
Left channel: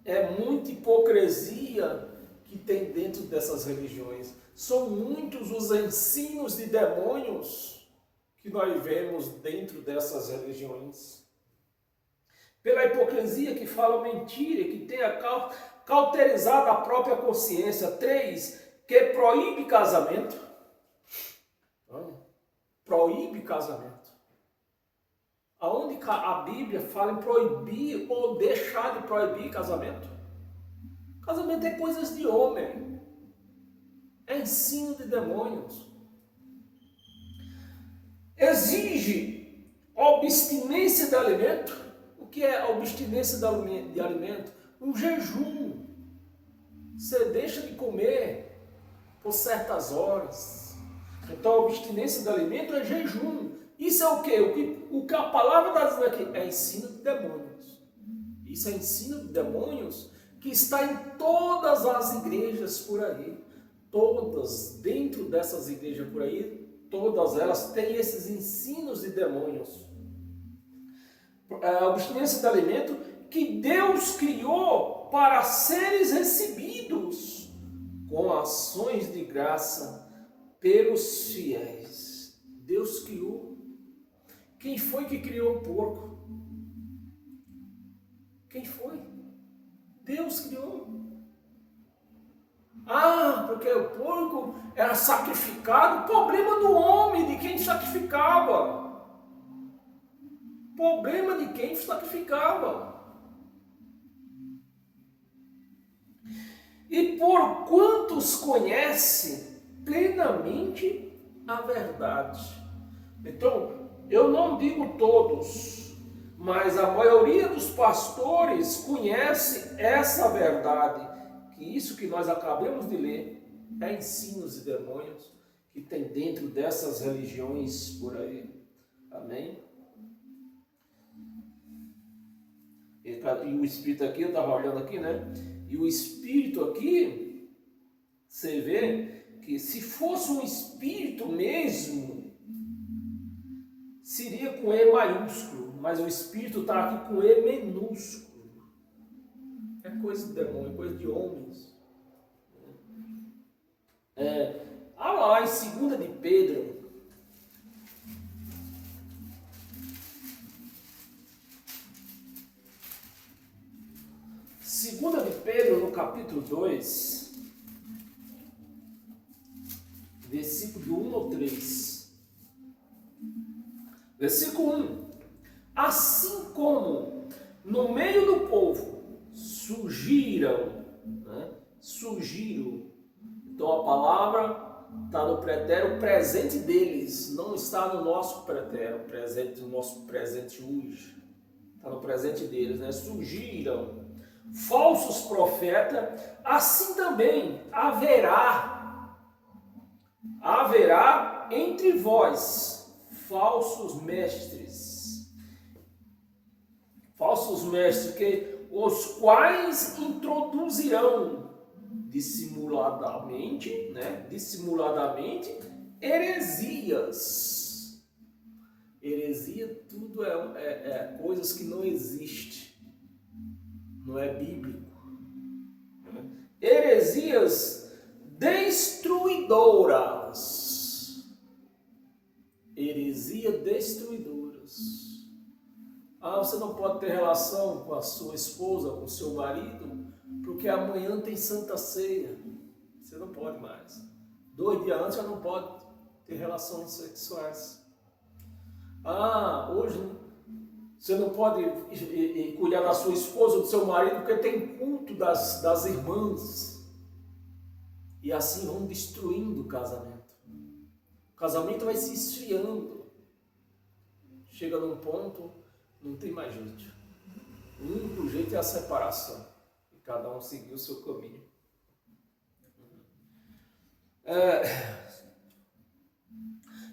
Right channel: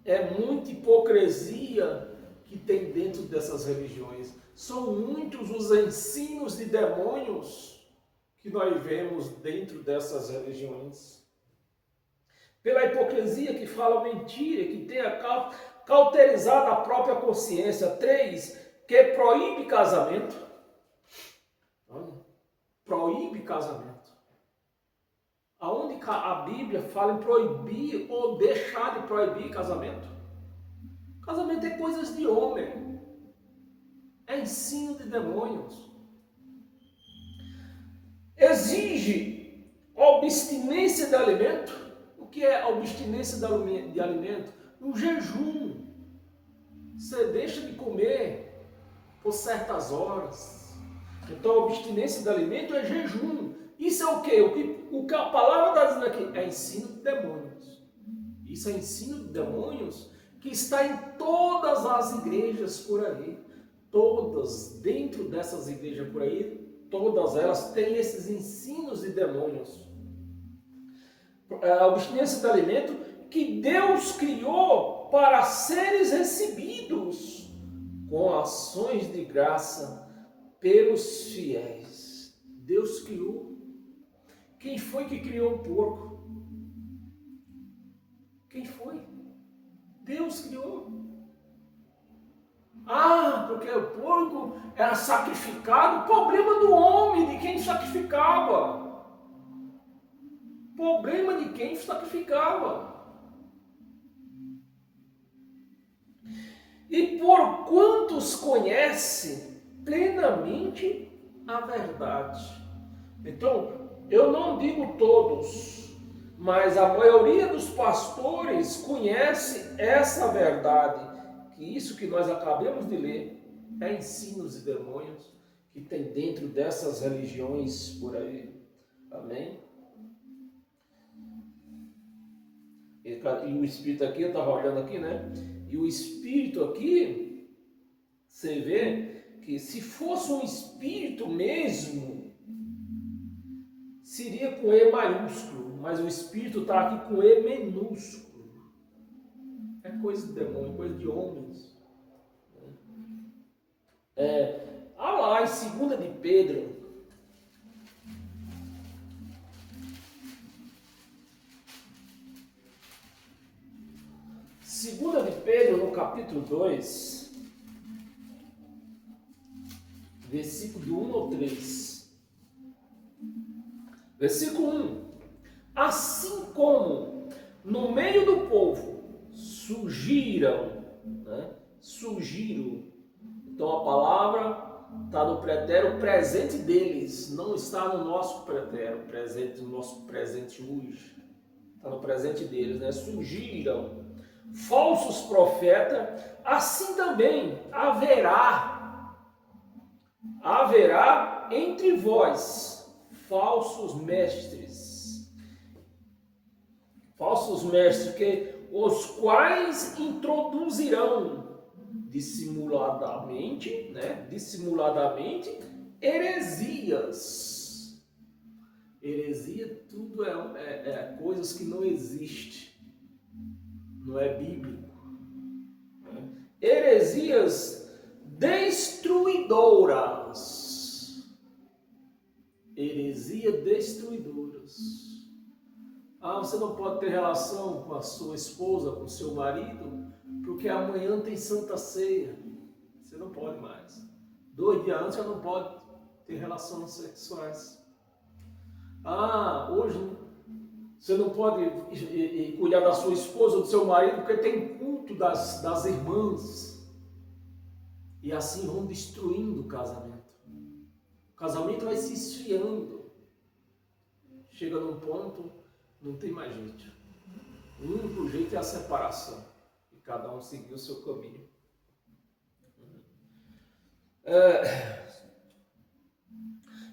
é muita hipocrisia que tem dentro dessas religiões. São muitos os ensinos de demônios que nós vemos dentro dessas religiões. Pela hipocrisia que fala mentira, que tenha cauterizado a própria consciência. 3, que proíbe casamento. Olha, proíbe casamento. Aonde a Bíblia fala em proibir ou deixar de proibir casamento? Casamento é coisas de homem. É ensino de demônios. Exige abstinência de alimento. O que é abstinência de alimento? Um jejum. Você deixa de comer por certas horas. Então, a abstinência de alimento é jejum. Isso é o quê? O que a palavra está dizendo aqui é ensino de demônios. Isso é ensino de demônios que está em todas as igrejas por aí. Todas, dentro dessas igrejas por aí, todas elas têm esses ensinos de demônios. A abstinência de alimento que Deus criou para seres recebidos com ações de graça pelos fiéis. Deus criou. Quem foi que criou o porco? Quem foi? Deus criou. Porque o porco era sacrificado. Problema do homem, de quem sacrificava. Problema de quem sacrificava. E por quantos conhece plenamente a verdade. Então, eu não digo todos, mas a maioria dos pastores conhece essa verdade, que isso que nós acabamos de ler é ensinos de demônios que tem dentro dessas religiões por aí. Amém? E o Espírito aqui, eu estava olhando aqui, né? E o Espírito aqui, você vê que se fosse um Espírito mesmo, seria com E maiúsculo, mas o Espírito está aqui com E minúsculo. É coisa de demônio, coisa de homens. Olha lá em 2 de Pedro. Segunda de Pedro, no capítulo 2, versículo do 1 ao 3. Versículo 1. Assim como no meio do povo surgiram. Então a palavra está no pretérito presente deles, não está no nosso pretérito presente, no nosso presente hoje. Está no presente deles, né? Surgiram falsos profetas, assim também haverá entre vós falsos mestres, que os quais introduzirão dissimuladamente heresias. Heresia tudo é coisas que não existem. Não é bíblico. Heresias destruidoras. Heresia destruidoras. Você não pode ter relação com a sua esposa, com o seu marido, porque amanhã tem Santa Ceia. Você não pode mais. 2 dias antes já não pode ter relações sexuais. Hoje Você não pode cuidar da sua esposa ou do seu marido porque tem culto das irmãs. E assim vão destruindo o casamento. O casamento vai se esfriando. Chega num ponto, não tem mais jeito. O único jeito é a separação. E cada um seguir o seu caminho.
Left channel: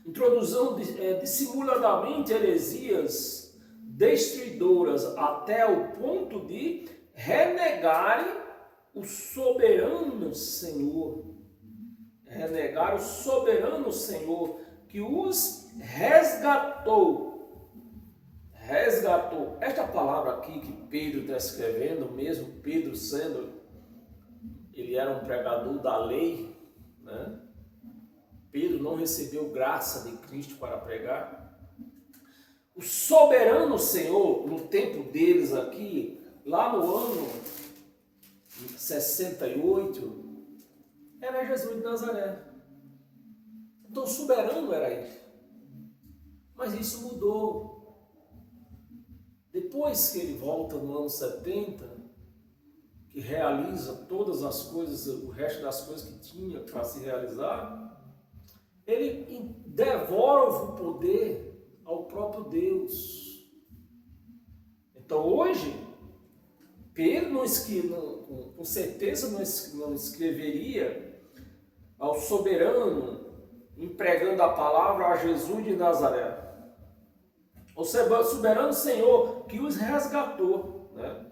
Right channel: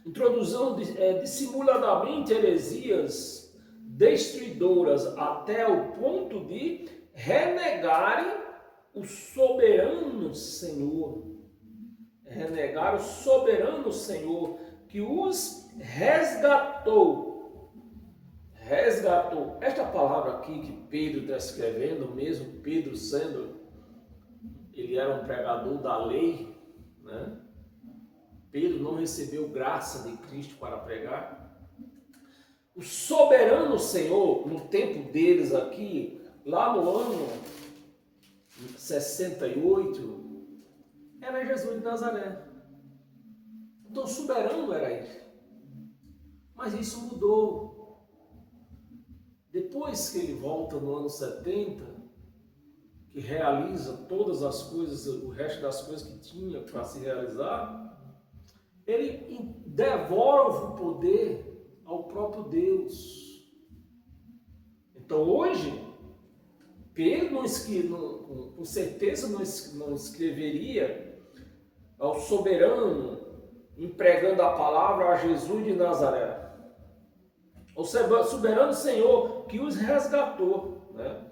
Introduzindo dissimuladamente heresias destruidoras até o ponto de renegarem o soberano Senhor. Renegar o soberano Senhor que os resgatou. Resgatou. Esta palavra aqui que Pedro está escrevendo, mesmo Pedro sendo, ele era um pregador da lei, né? Pedro não recebeu graça de Cristo para pregar. O soberano Senhor, no tempo deles aqui, lá no ano 68, era Jesus de Nazaré. Então, o soberano era ele. Mas isso mudou. Depois que ele volta no ano 70, que realiza todas as coisas, o resto das coisas que tinha para se realizar, ele devolve o poder ao próprio Deus. Então hoje, Pedro com certeza não escreveria ao soberano empregando a palavra a Jesus de Nazaré. O soberano Senhor que os resgatou, né?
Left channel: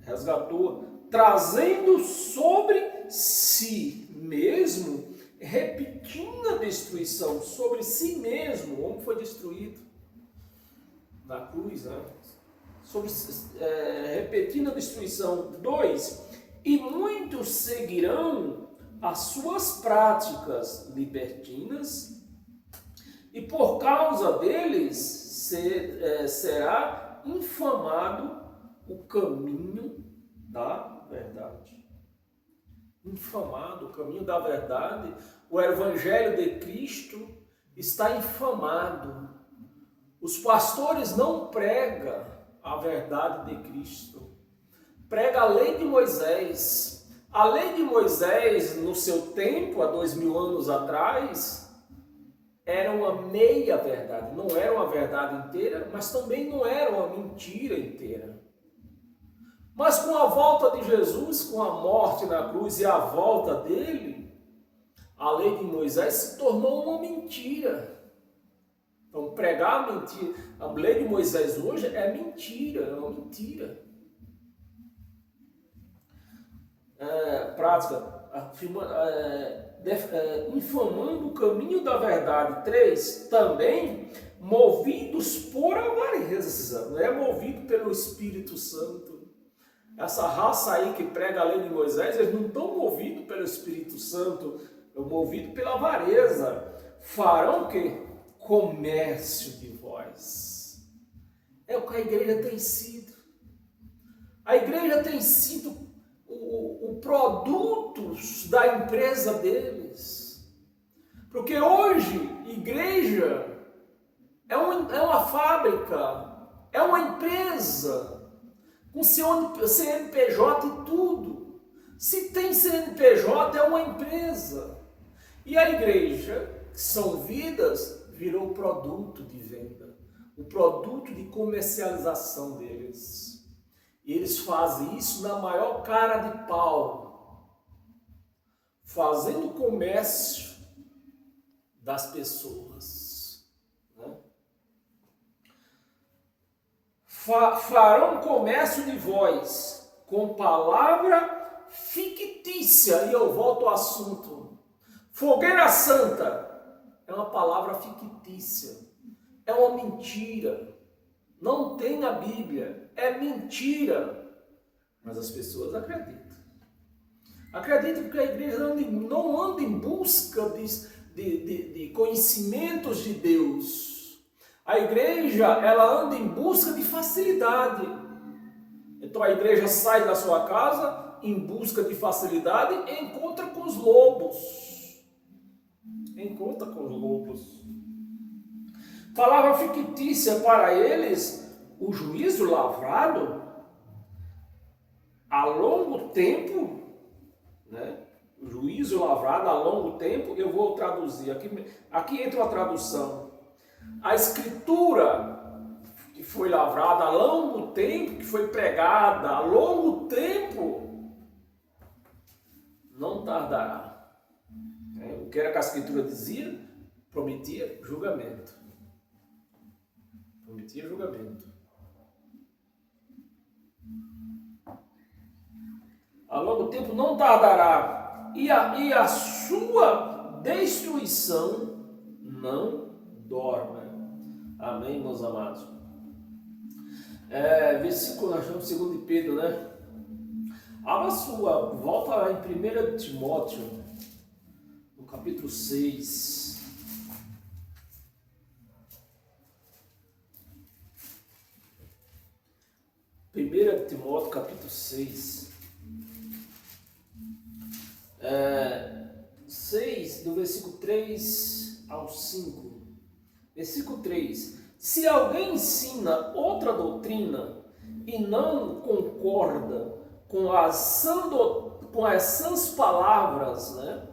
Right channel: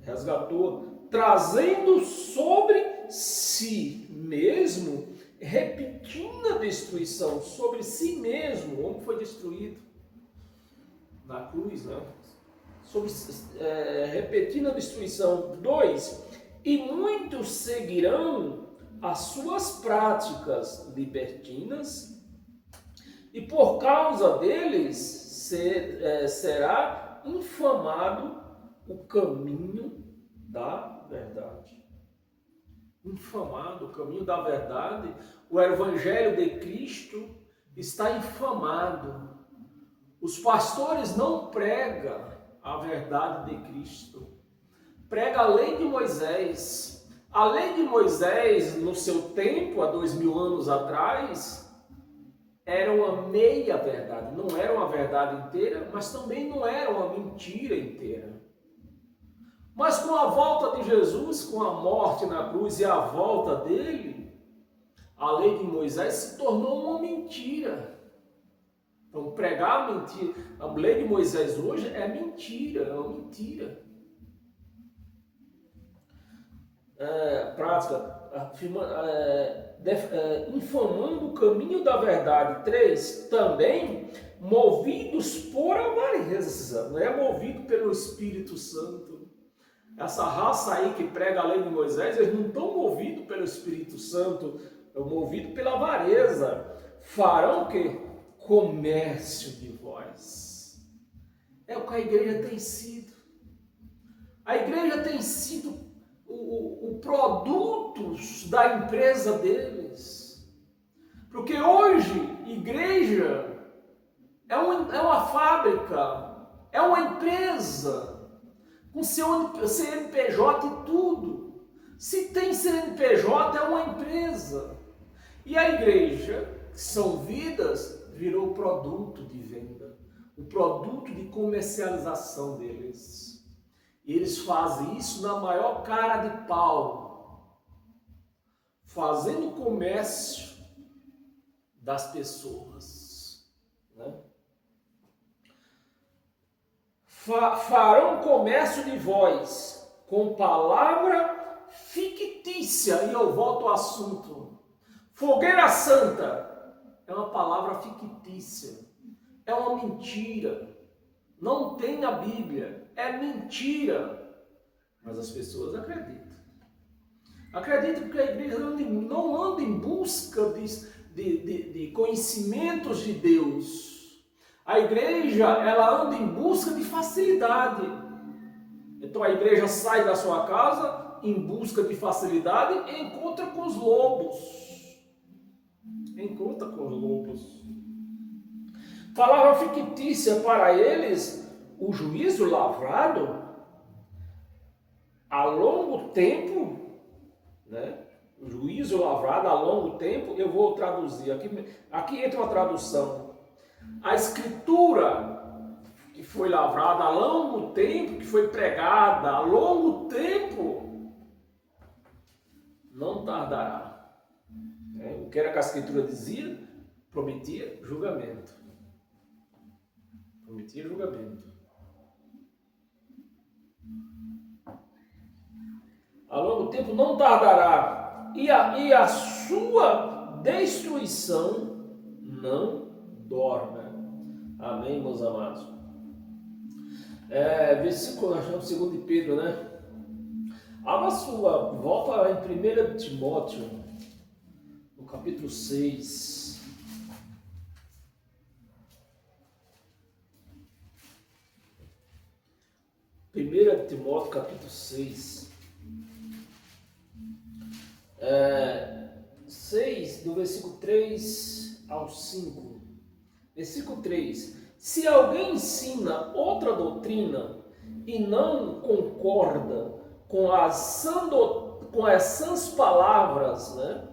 Resgatou, trazendo sobre si mesmo, repetindo a destruição sobre si mesmo. O homem foi destruído na cruz, né? Repetindo a destruição. 2. E muitos seguirão as suas práticas libertinas, e por causa deles será infamado o caminho da verdade. Infamado o caminho da verdade. O evangelho de Cristo está infamado. Os pastores não pregam a verdade de Cristo. Prega a lei de Moisés. A lei de Moisés, no seu tempo, há 2000 anos atrás, era uma meia verdade. Não era uma verdade inteira, mas também não era uma mentira inteira. Mas com a volta de Jesus, com a morte na cruz e a volta dele, a lei de Moisés se tornou uma mentira. Então, pregar a mentira, a lei de Moisés hoje é mentira, é uma mentira. Prática, infamando o caminho da verdade. 3, também movidos por avareza, não é movido pelo Espírito Santo. Essa raça aí que prega a lei de Moisés, eles não estão movidos pelo Espírito Santo, estão movidos pela avareza. Farão o quê? Comércio de vós. É o que a igreja tem sido. A igreja tem sido o produto da empresa deles. Porque hoje, igreja é uma fábrica, é uma empresa, com seu CNPJ e tudo. Se tem CNPJ, é uma empresa. E a igreja, que são vidas, virou produto de venda, o produto de comercialização deles. E eles fazem isso na maior cara de pau, fazendo comércio das pessoas, né? Farão comércio de vós com palavra fictícia. E eu volto ao assunto. Fogueira santa é uma palavra fictícia, é uma mentira. Não tem na Bíblia, é mentira. Mas as pessoas acreditam. Acreditam porque a igreja não anda em busca de conhecimentos de Deus. A igreja, ela anda em busca de facilidade. Então a igreja sai da sua casa em busca de facilidade e encontra com os lobos. Palavra fictícia para eles, o juízo lavrado a longo tempo, né? O juízo lavrado a longo tempo, eu vou traduzir, aqui entra uma tradução. A escritura que foi lavrada a longo tempo, que foi pregada a longo tempo, não tardará. O que era que a escritura dizia? Prometia julgamento. Prometia julgamento. A longo tempo não tardará. E a sua destruição não dorme. Amém, meus amados? Versículo, nós estamos em 2 Pedro, né? Abra sua, volta em 1 Timóteo, no capítulo 6. 1 Timóteo, capítulo 6. 6, do versículo 3 ao 5. Versículo 3. Se alguém ensina outra doutrina e não concorda com as sãs palavras, né,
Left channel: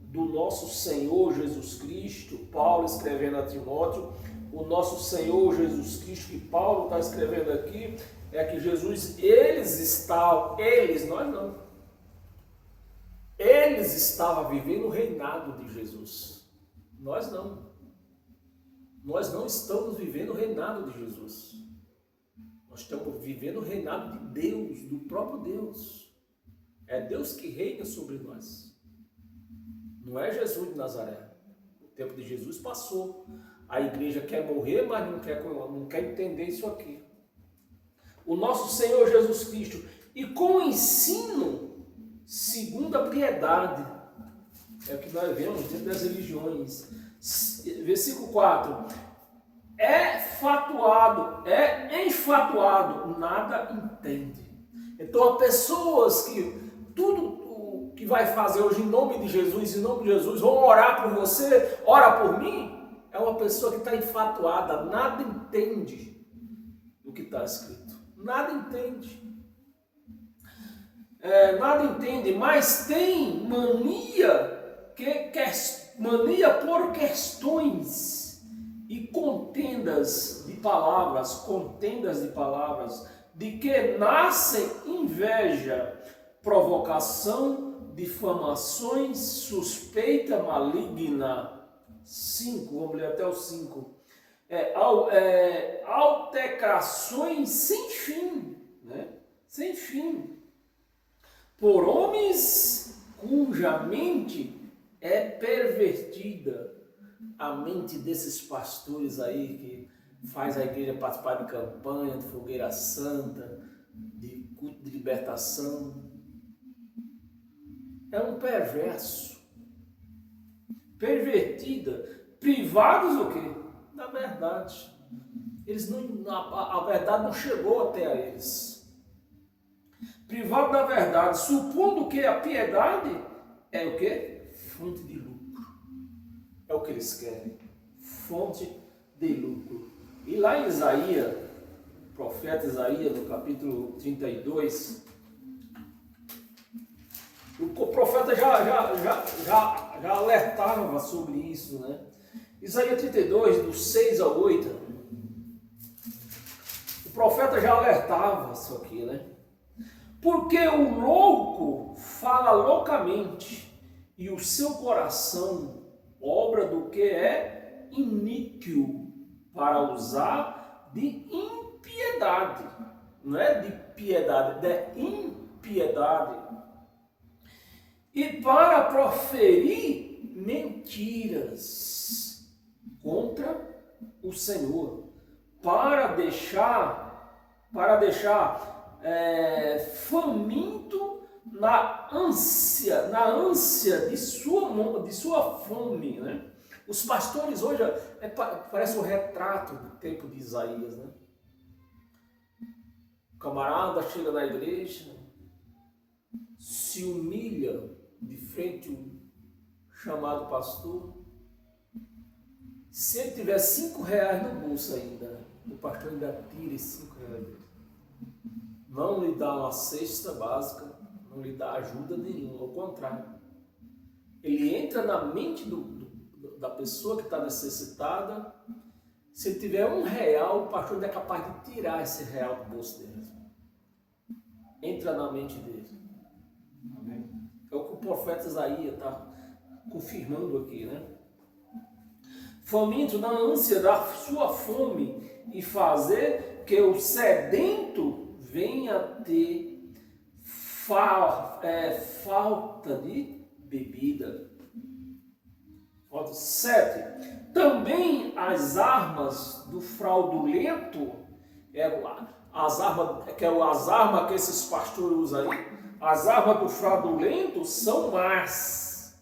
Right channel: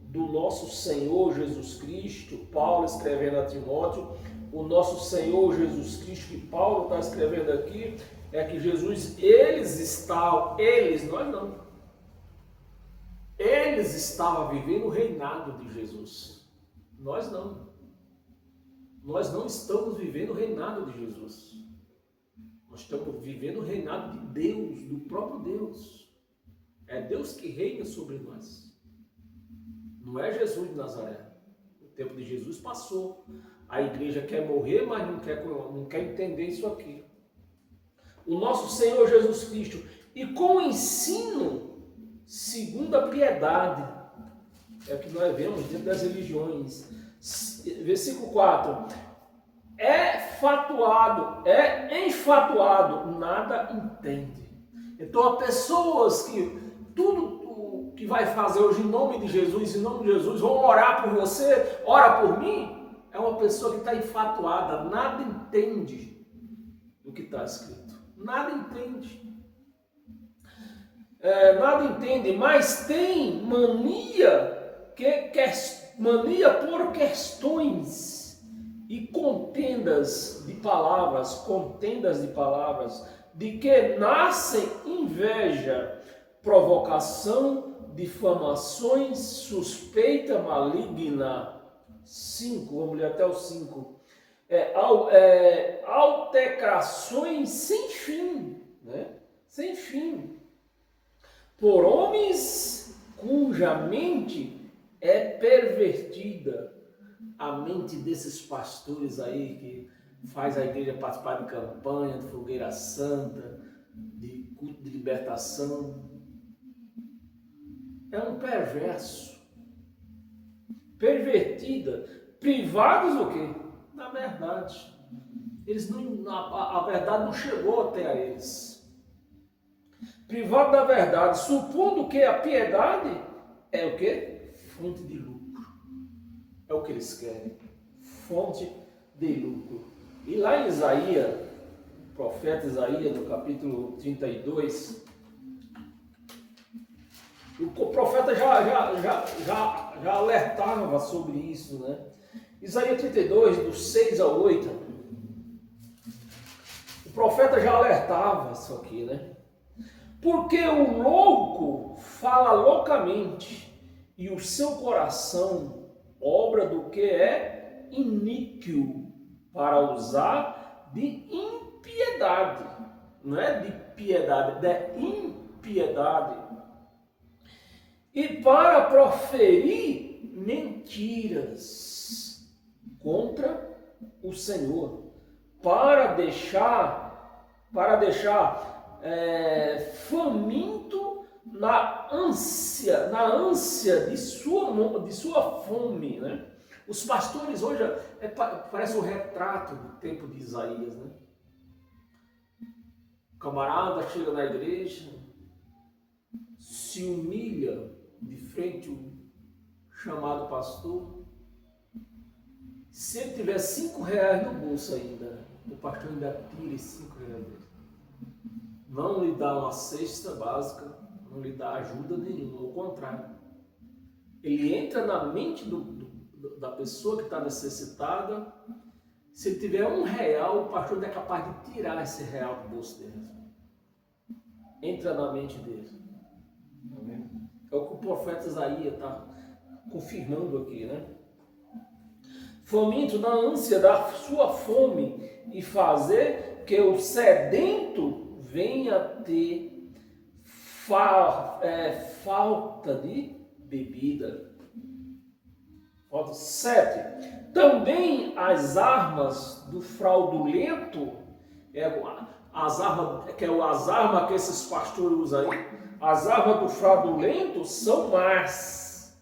do nosso Senhor Jesus Cristo, Paulo escrevendo a Timóteo, o nosso Senhor Jesus Cristo, que Paulo está escrevendo aqui, é que Jesus, nós não. Eles estavam vivendo o reinado de Jesus. Nós não. Nós não estamos vivendo o reinado de Jesus. Nós estamos vivendo o reinado de Deus, do próprio Deus. É Deus que reina sobre nós. Não é Jesus de Nazaré. O tempo de Jesus passou. A igreja quer morrer, mas não quer entender isso aqui. O nosso Senhor Jesus Cristo. E com o ensino, segundo a piedade. É o que nós vemos dentro das religiões. Versículo 4. Enfatuado, nada entende. Então, há pessoas que tudo que vai fazer hoje em nome de Jesus, vão orar por você, ora por mim, é uma pessoa que está enfatuada, nada entende do que está escrito. Nada entende. Nada entende, mas tem mania por questões e contendas de palavras, de que nascem inveja, provocação, difamações, suspeita maligna. 5, vamos ler até o 5. Altercações sem fim, né? Sem fim. Por homens cuja mente é pervertida. A mente desses pastores aí que faz a igreja participar de campanha, de fogueira santa, de culto de libertação. É um perverso. Pervertida. Privados o quê? Da verdade. A verdade não chegou até a eles. Privado da verdade, supondo que a piedade é o quê? Fonte de lucro. É o que eles querem. Fonte de lucro. E lá em Isaías, o profeta Isaías, no capítulo 32, o profeta já alertava sobre isso, né? Isaías 32, do 6 ao 8, o profeta já alertava isso aqui, né? Porque o louco fala loucamente e o seu coração obra do que é iníquo para usar de impiedade. Não é de piedade, é impiedade. E para proferir mentiras contra o Senhor, para deixar faminto na ânsia de sua fome, né? Os pastores hoje parece um retrato do tempo de Isaías, né? O camarada chega na igreja, se humilha de frente ao chamado pastor. Se ele tiver R$5 no bolso ainda, o pastor ainda tira esses 5 reais dele. Não lhe dá uma cesta básica, não lhe dá ajuda nenhuma, ao contrário. Ele entra na mente da pessoa que está necessitada. Se ele tiver R$1, o pastor não é capaz de tirar esse real do bolso dele. Entra na mente dele. Amém? É o que o profeta Isaías está confirmando aqui, né? Faminto na ânsia da sua fome e fazer que o sedento venha a ter falta de bebida. 7. Também as armas do fraudulento, as armas que esses pastores usam aí, as armas do fraudulento são más.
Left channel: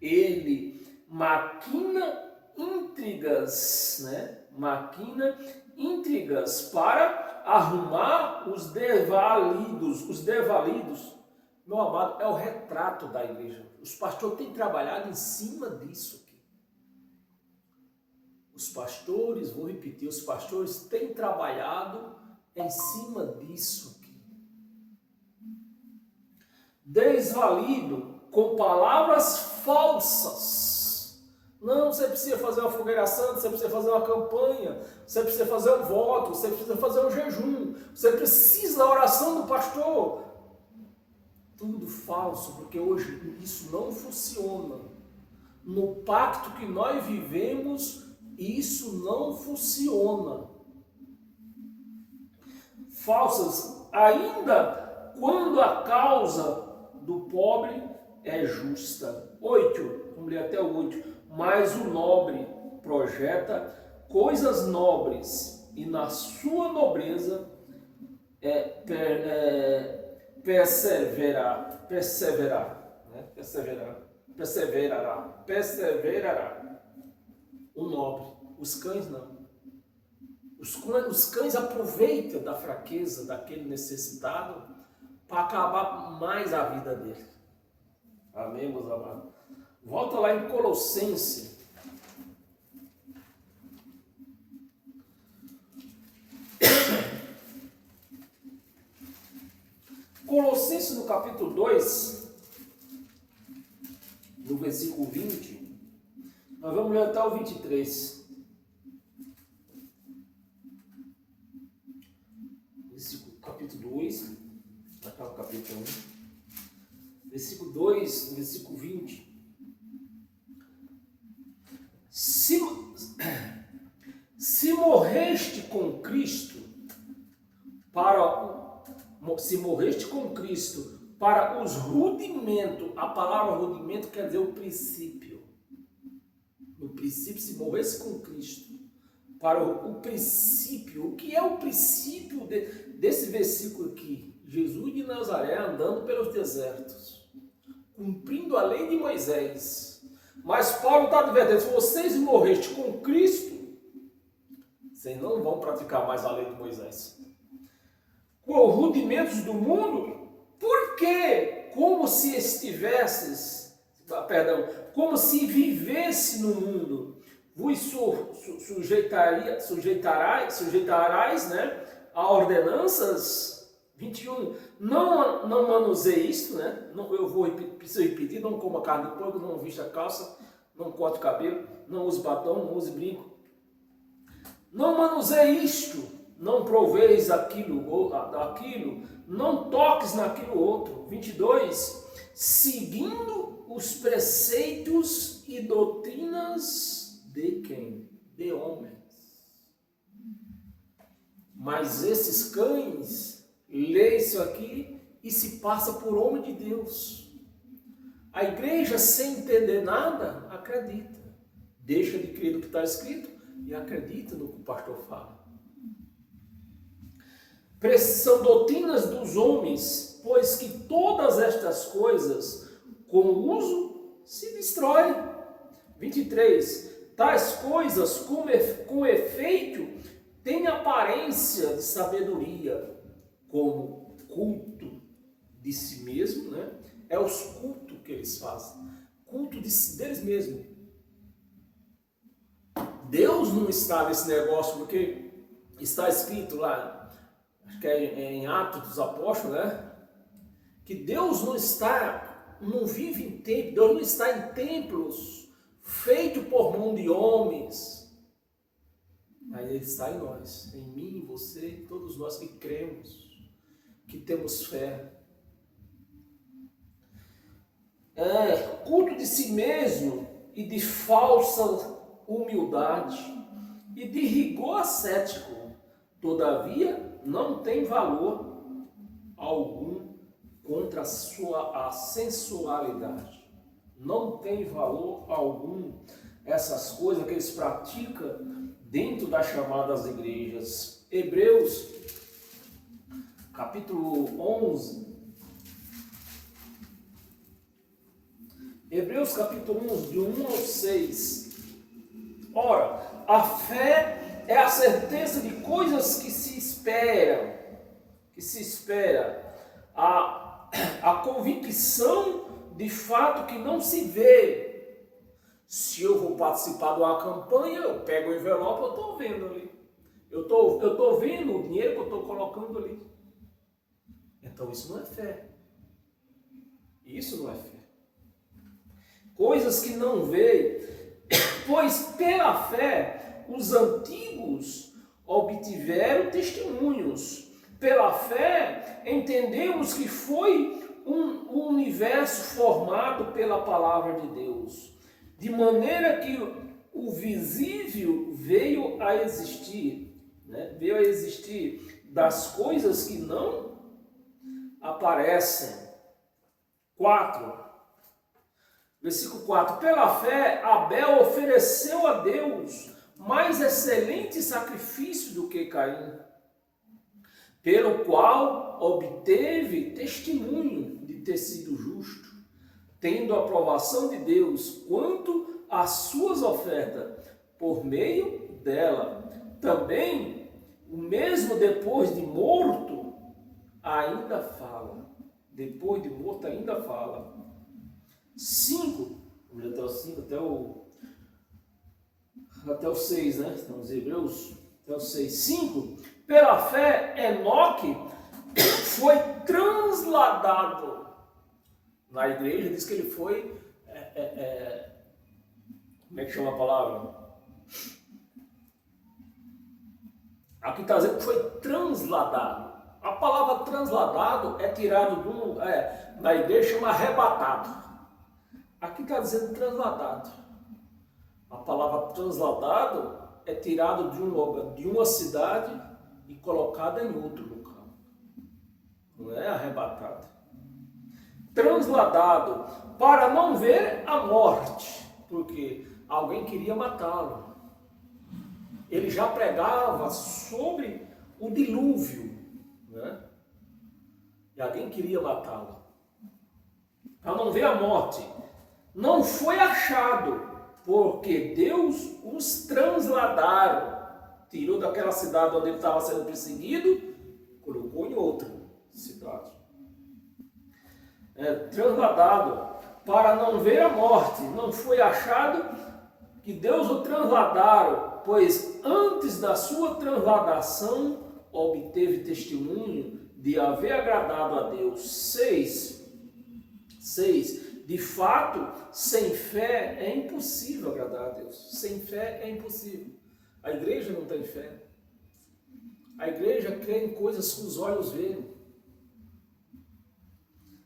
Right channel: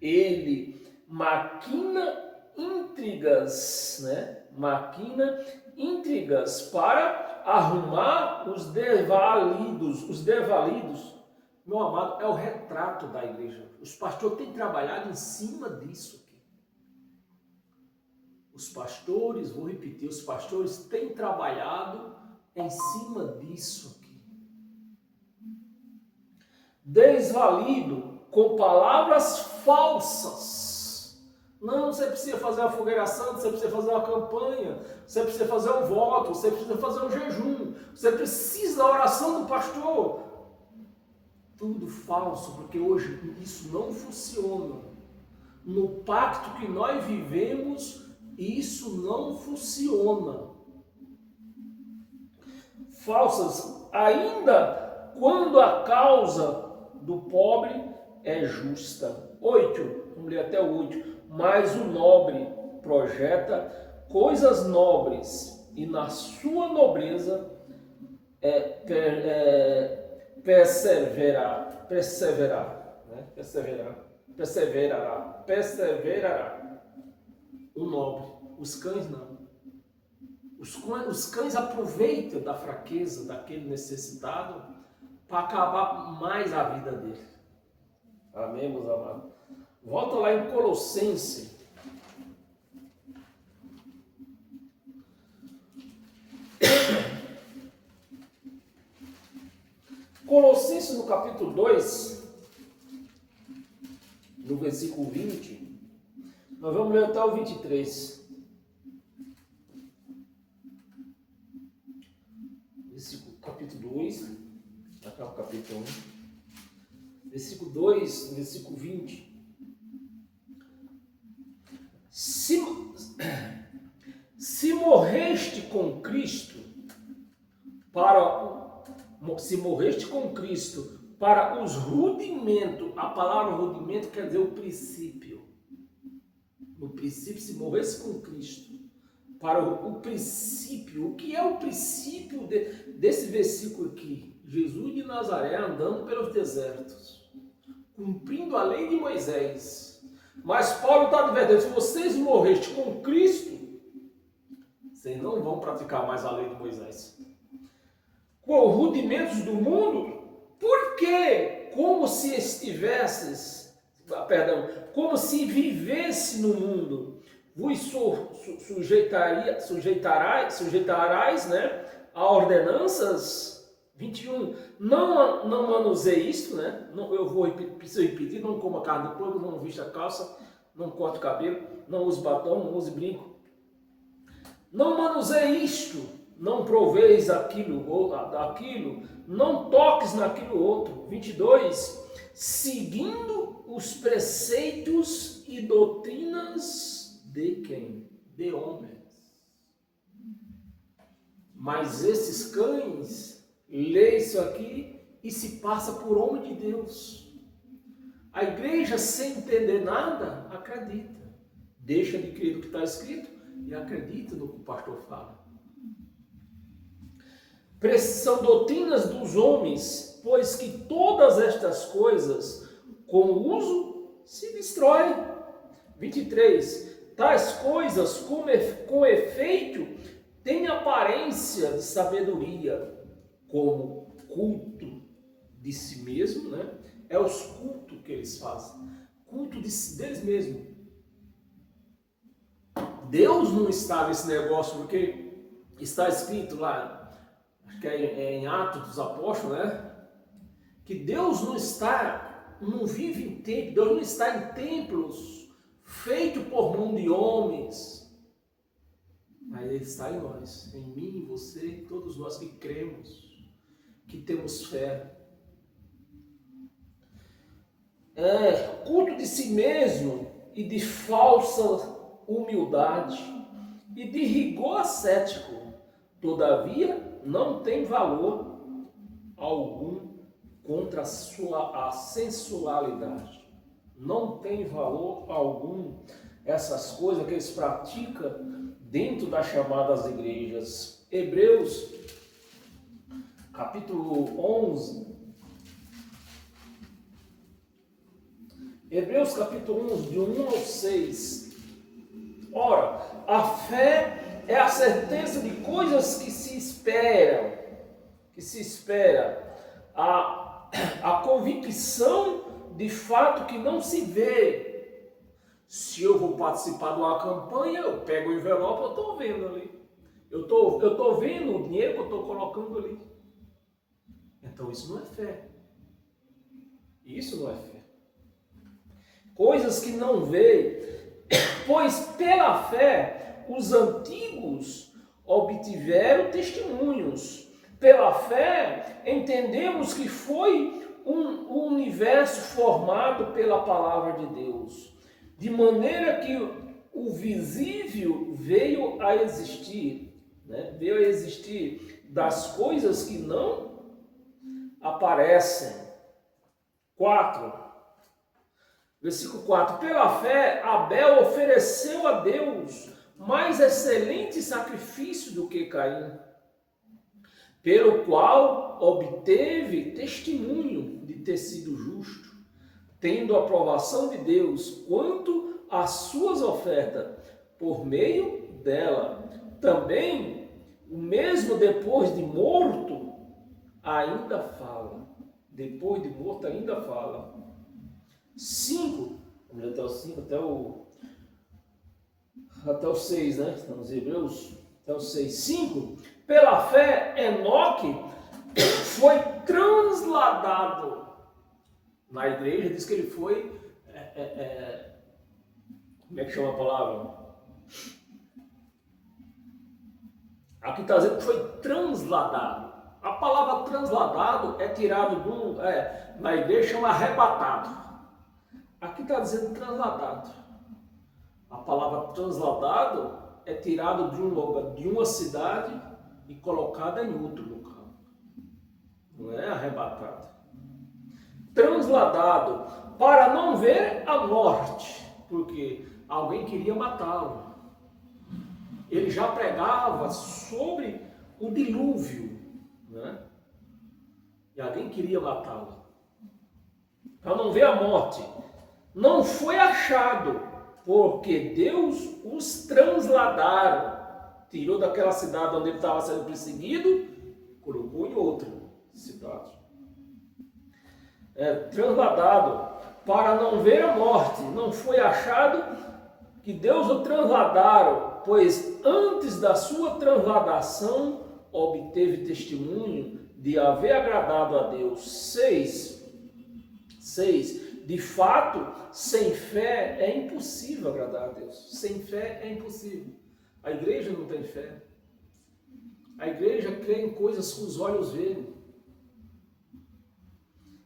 Ele maquina intrigas, né? Maquina intrigas para arrumar os devalidos. Os devalidos, meu amado, é o retrato da igreja. Os pastores têm trabalhado em cima disso aqui. Os pastores, vou repetir, os pastores têm trabalhado em cima disso aqui. Desvalido com palavras falsas. Não, você precisa fazer uma fogueira santa, você precisa fazer uma campanha, você precisa fazer um voto, você precisa fazer um jejum, você precisa da oração do pastor. Tudo falso, porque hoje isso não funciona. No pacto que nós vivemos, isso não funciona. Falsas, ainda quando a causa do pobre é justa. 8, vamos ler até o 8. Mas o nobre projeta coisas nobres e na sua nobreza perseverará. O nobre, os cães não. Os cães aproveitam da fraqueza daquele necessitado para acabar mais a vida dele. Amém, meus amados? Volta lá em Colossenses. Colossenses no capítulo 2, no versículo 20, nós vamos ler até o 23. Capítulo 2, até o capítulo 1. Versículo 2, no versículo 20. Se morreste com Cristo para os rudimentos, a palavra rudimento quer dizer o princípio. No princípio, se morresse com Cristo, para o princípio. O que é o princípio desse versículo aqui? Jesus de Nazaré andando pelos desertos, cumprindo a lei de Moisés. Mas Paulo está advertindo, se vocês morrestem com Cristo, vocês não vão praticar mais a lei de Moisés. Com os rudimentos do mundo, porque como se como se vivesse no mundo, vos sujeitarás, né, a ordenanças. 21, não manuseie isso, né? Preciso repetir, não coma carne de porco, não vista calça, não corte o cabelo, não use batom, não use brinco. Não manuseie isto, não proveis aquilo, não toques naquilo outro. 22, seguindo os preceitos e doutrinas de quem? De homens. Mas esses cães lê isso aqui e se passa por homem de Deus. A igreja, sem entender nada, acredita. Deixa de crer no que está escrito e acredita no que o pastor fala. São doutrinas dos homens, pois que todas estas coisas, com o uso, se destroem. 23. Tais coisas, com efeito, têm aparência de sabedoria, como culto de si mesmo, né? É os cultos que eles fazem. Culto deles mesmos. Deus não está nesse negócio, porque está escrito lá, acho que é em Atos dos Apóstolos, né? Que Deus não vive em templo, Deus não está em templos feitos por mão de homens, mas Ele está em nós, em mim, em você, em todos nós que cremos, que temos fé. Culto de si mesmo e de falsa humildade e de rigor ascético, todavia não tem valor algum contra a sensualidade. Não tem valor algum essas coisas que eles praticam dentro das chamadas igrejas. Hebreus, capítulo 11. Hebreus, capítulo 11, de 1 ao 6. Ora, a fé é a certeza de coisas que se esperam, a convicção de fato que não se vê. Se eu vou participar de uma campanha, eu pego o envelope, eu estou vendo ali. Eu tô vendo o dinheiro que eu estou colocando ali. Então isso não é fé. Isso não é fé. Coisas que não veem, pois pela fé os antigos obtiveram testemunhos. Pela fé entendemos que foi um universo formado pela palavra de Deus, de maneira que o visível veio a existir, né? Veio a existir das coisas que não aparecem. 4. Versículo 4. Pela fé, Abel ofereceu a Deus mais excelente sacrifício do que Caim, pelo qual obteve testemunho de ter sido justo, tendo a aprovação de Deus quanto às suas ofertas, por meio dela. Também, o mesmo depois de morto, ainda fala. Depois de morto, ainda fala. 5, vamos ler até o 5, até o 6, né? Estamos em Hebreus, até o 6. 5, pela fé, Enoque foi transladado. Na igreja diz que ele foi, como é que chama a palavra? Aqui está dizendo que foi transladado. A palavra transladado é tirado na igreja chama arrebatado. Aqui está dizendo transladado. A palavra transladado é tirado de um lugar, de uma cidade e colocada em outro local. Não é arrebatado. Transladado para não ver a morte, porque alguém queria matá-lo. Ele já pregava sobre o dilúvio, né? E alguém queria matá-lo. Para não ver a morte. Não foi achado, porque Deus os transladaram. Tirou daquela cidade onde ele estava sendo perseguido, colocou em outra cidade. Transladado para não ver a morte. Não foi achado que Deus o transladaram, pois antes da sua transladação obteve testemunho de haver agradado a Deus. 6. De fato, sem fé é impossível agradar a Deus. Sem fé é impossível. A igreja não tem fé. A igreja crê em coisas que os olhos veem.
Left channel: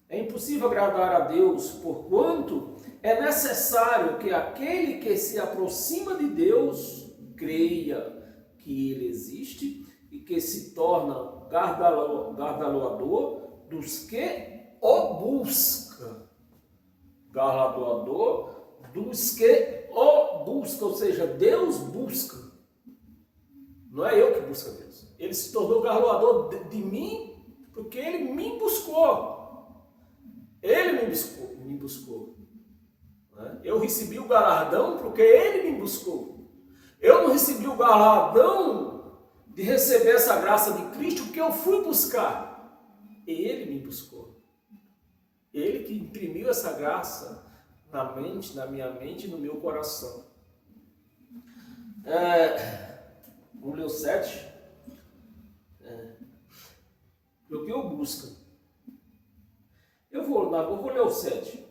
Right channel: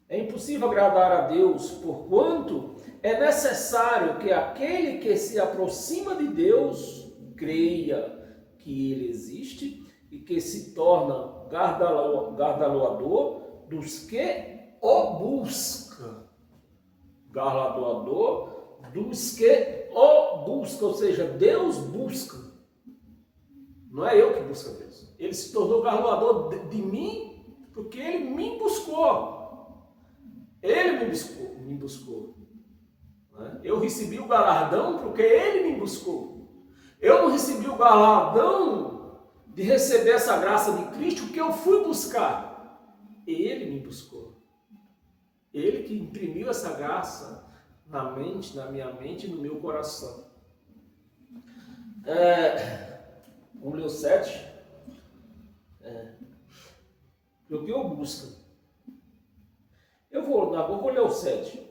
É impossível agradar a Deus, porquanto é necessário que aquele que se aproxima de Deus creia que Ele existe e que se torna galardoador dos que o buscam. Galardoador dos que o buscam, ou seja, Deus busca. Não é eu que busco a Deus. Ele se tornou galardoador de mim porque Ele me buscou. Ele me buscou. Eu recebi o galardão porque Ele me buscou. Eu não recebi o galardão de receber essa graça de Cristo porque eu fui buscar. Ele me buscou. Ele que imprimiu essa graça na minha mente e no meu coração. Vamos ler o 7. O que eu busco. Eu vou ler o 7.